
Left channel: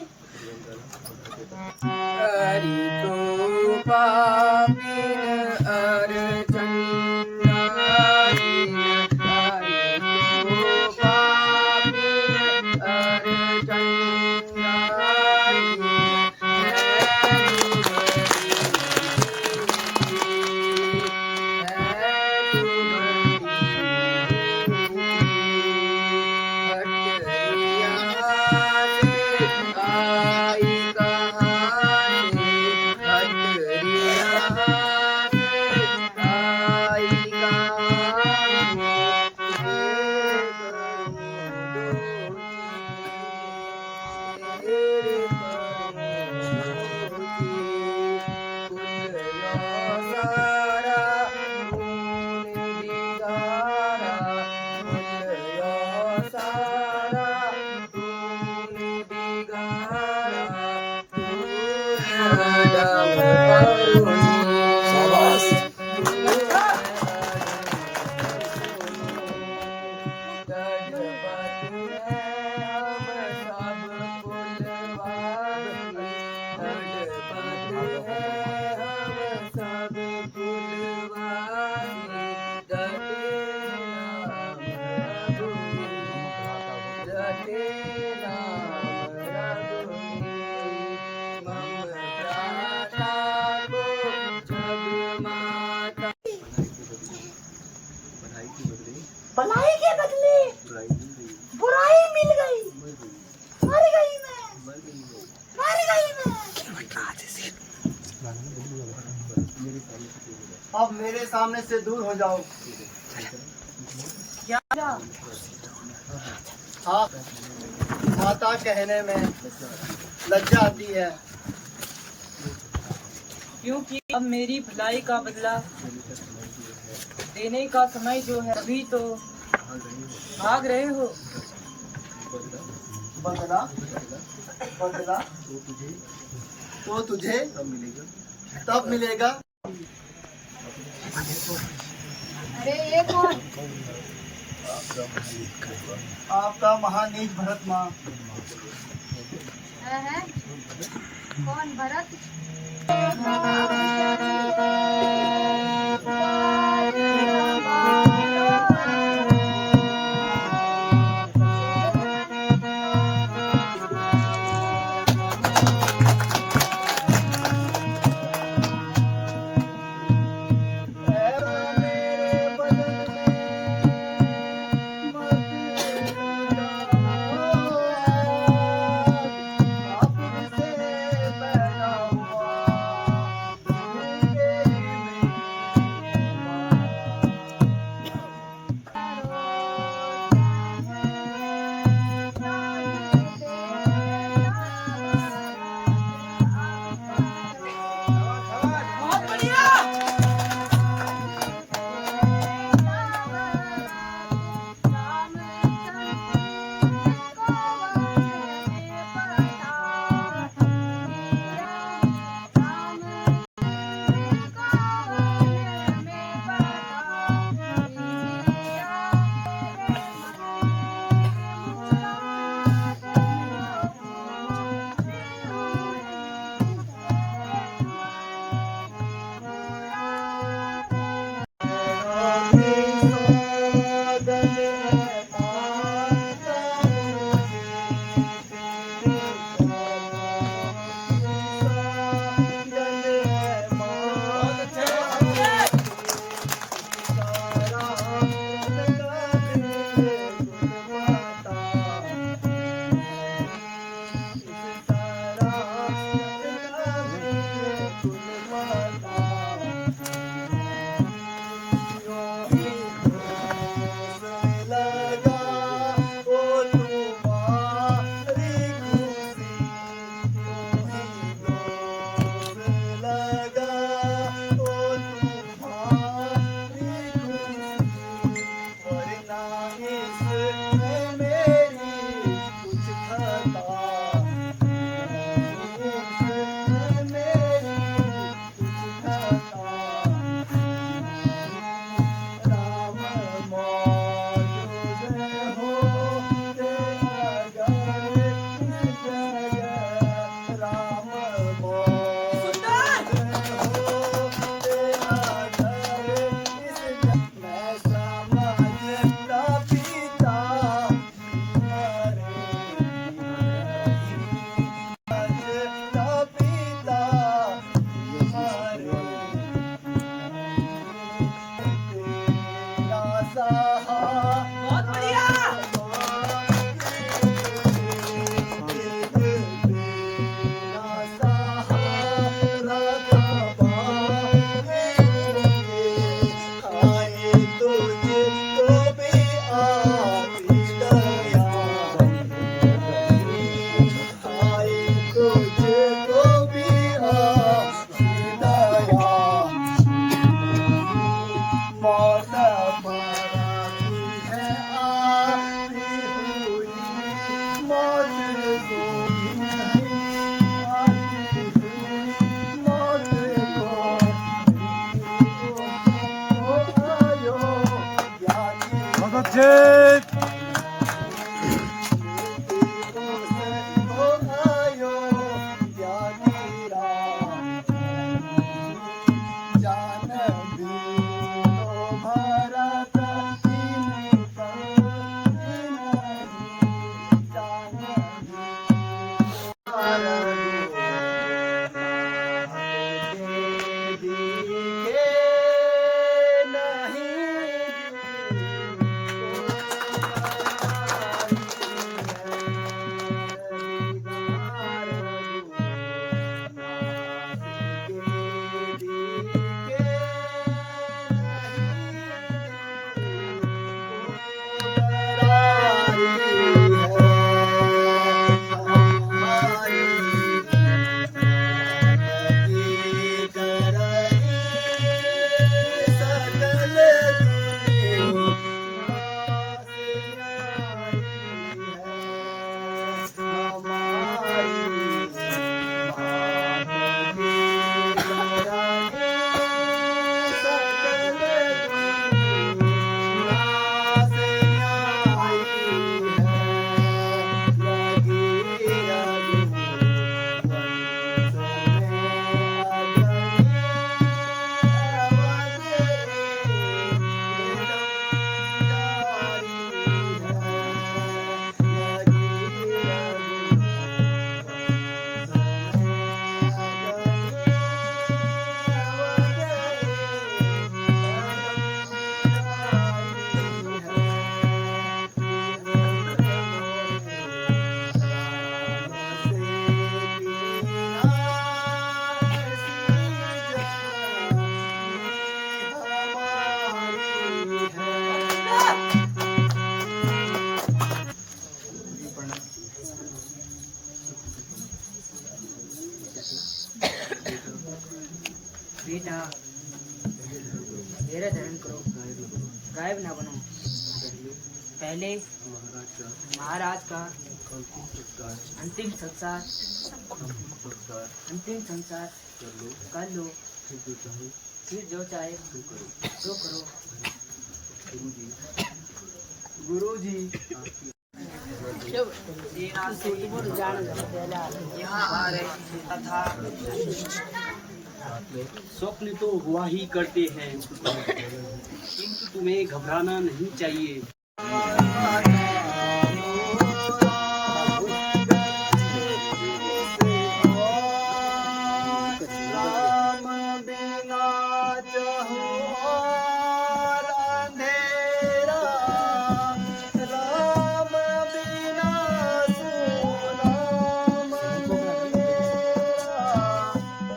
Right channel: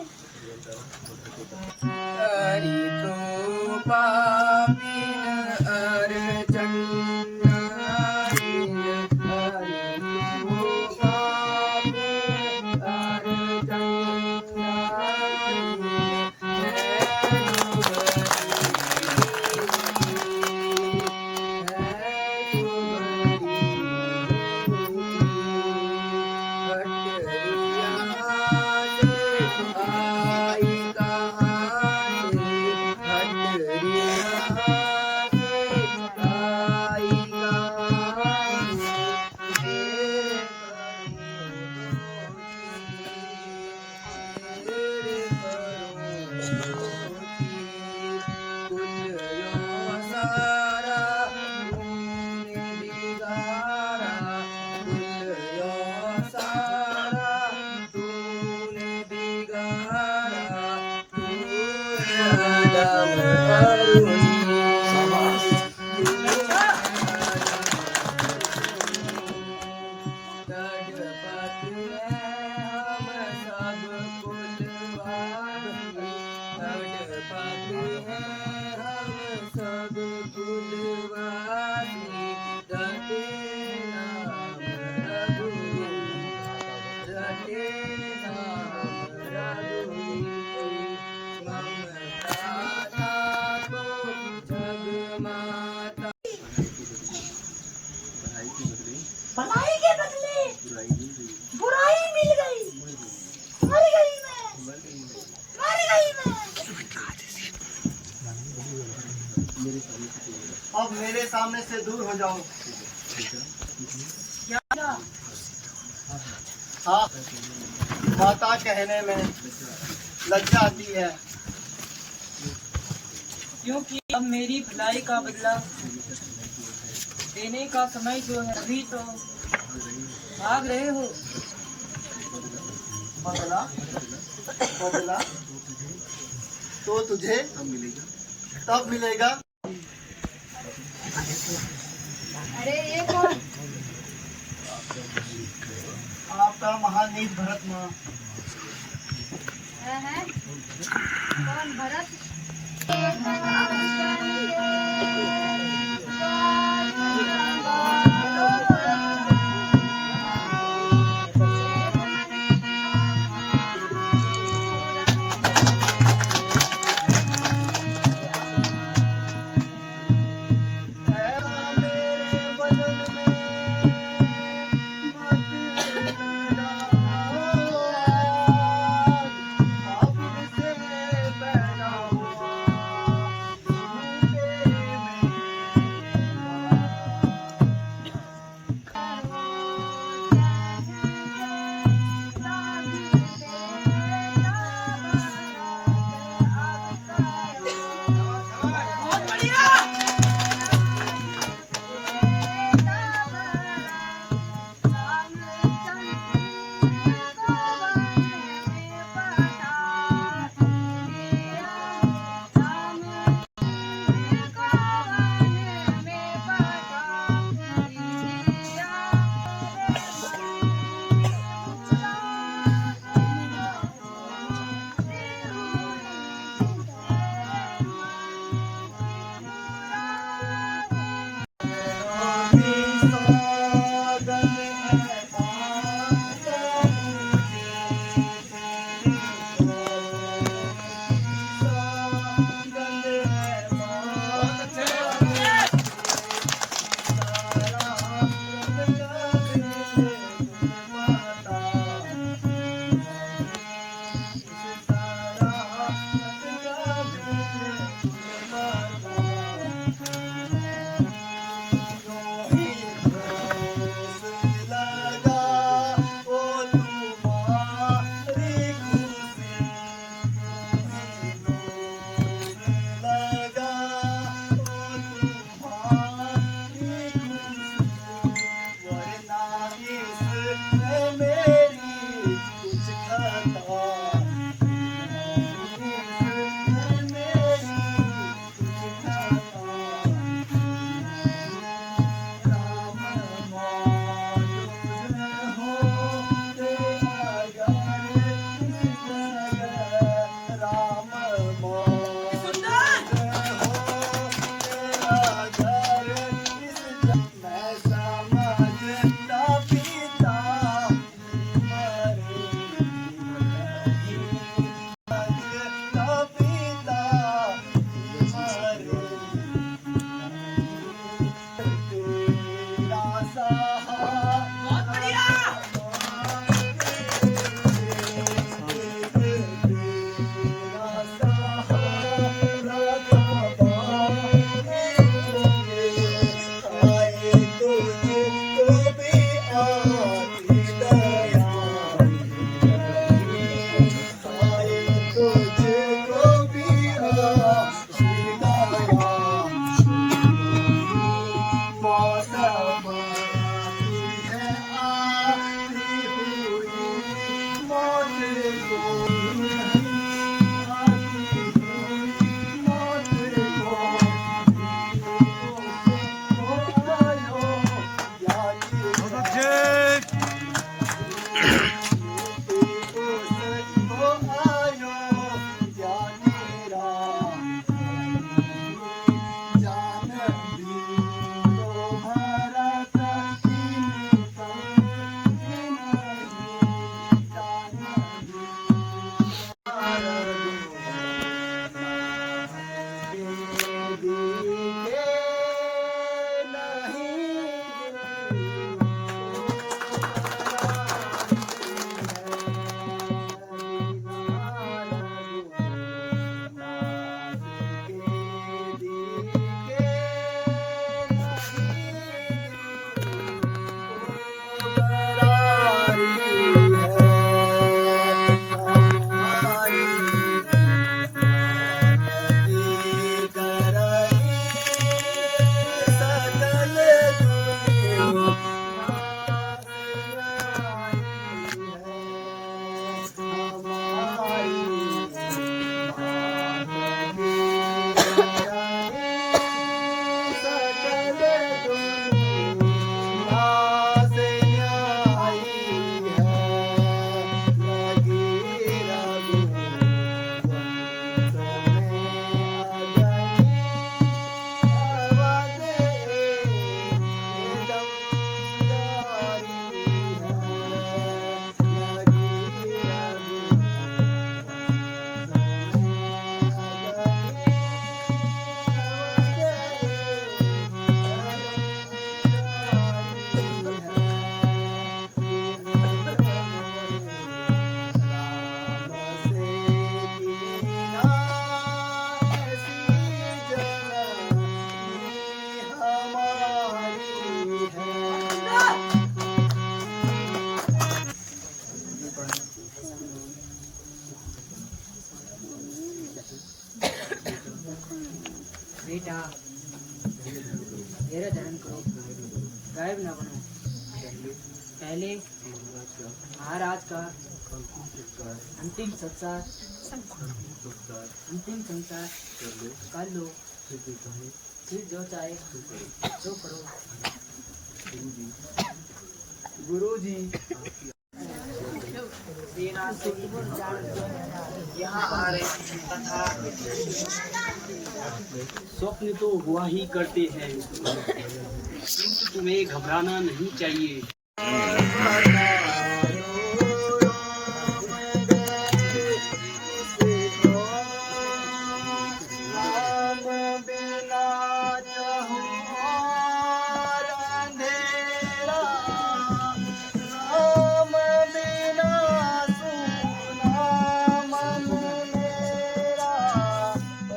भलाई के बदले बुराई मिल गई, मर गई मैं, मर गई मैं। अब मेरे सामने से दूर हो जाओ। क्या हाँ, माता कहने में लज्जा आती है। क्योंकि अब मेरी भलाई का बदला देने का समय जो है, अभी तो भाग रहे हो। बदला बदला तो तुझे तब मिलेगा। अरे ये कौन? आपका महानीत भरत माँ। है? कौन भरत? आप बेटा मेरा धर्म करो, गायब न बनो। पहले महाराज का अंतिम संस्कार कर लो, फिर जो चाहे तो करो। गुरुजी, सेना सहित यहाँ आ रहे तथा स्वप्न तो हुआ ही करते हैं, किंतु तुम्हें घबराना नहीं चाहिए। राम बिना चाहूं और अंधेरा, राम बिना सुना मन मेरा,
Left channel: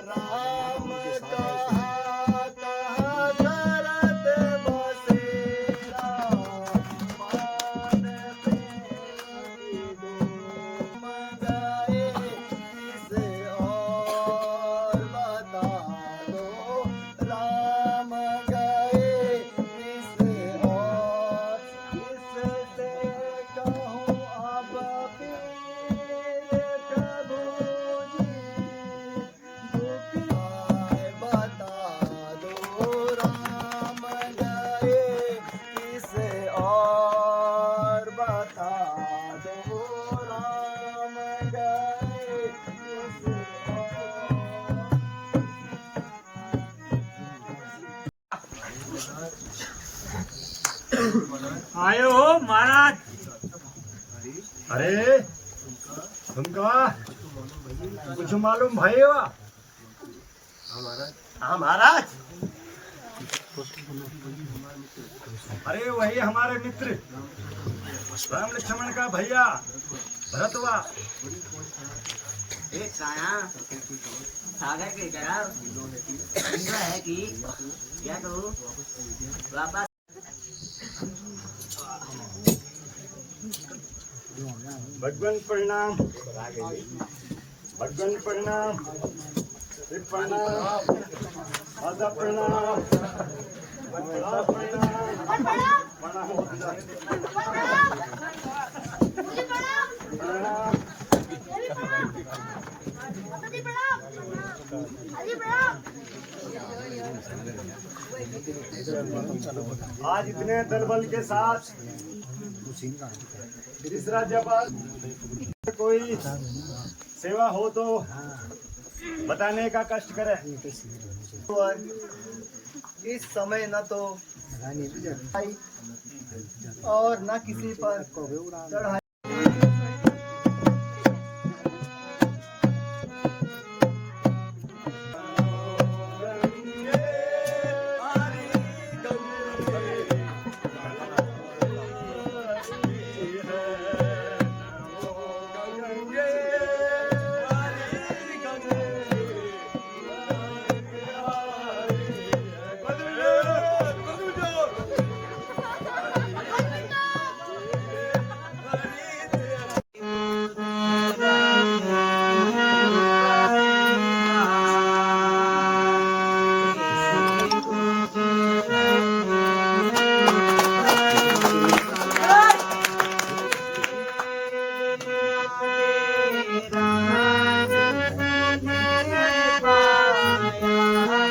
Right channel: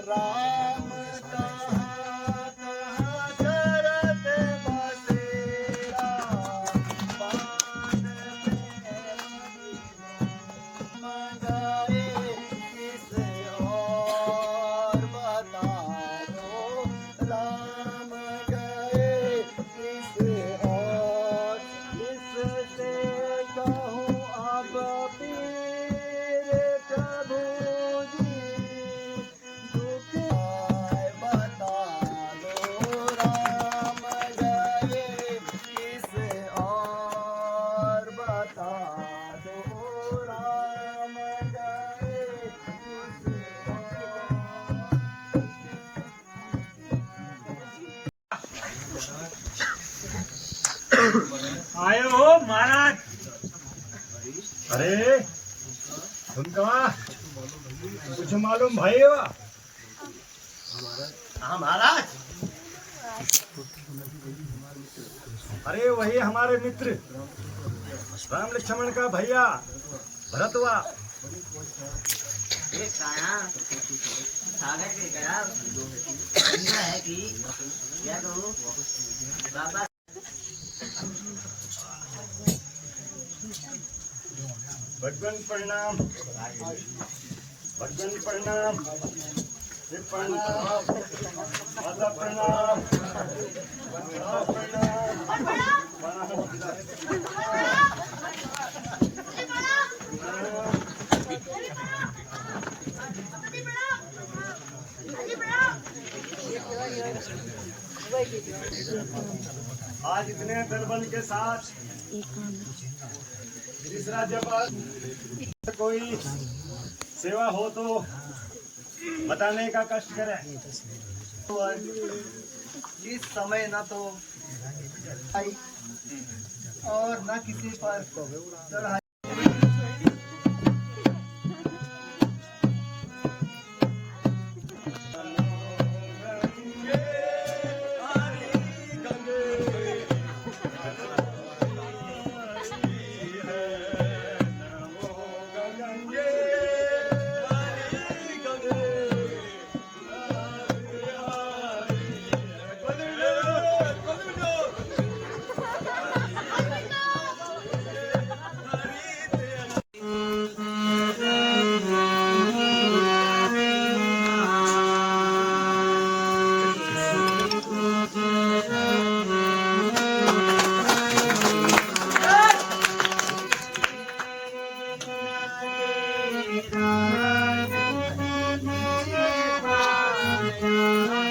राम कहाँ कहाँ करत बसेरा, पान प्रेम मंगाए इसे और बता दो, राम गए इसे और इससे कहूँ अब पीर प्रभु जी, दुख आए बता दो, राम गए इसे और बता दो, राम गए इसे आए हो महाराज। अरे तुमका कुछ मालूम भैया? हाँ महाराज। अरे वही हमारे मित्र राम लक्ष्मण का भैया भरतवा। एक काना सागर के गया है कि क्या कहूँ बाबा। भगवान प्रणाम, भगवान प्रणाम, प्रणाम, माता प्रणाम, माता प्रणाम, प्रणाम। आज इतने दल बल के साथ तीसरा जब कोई सेवा हो तो बताने का कष्ट करे। इस समय न तो और न किसी पर चढ़ाई। राम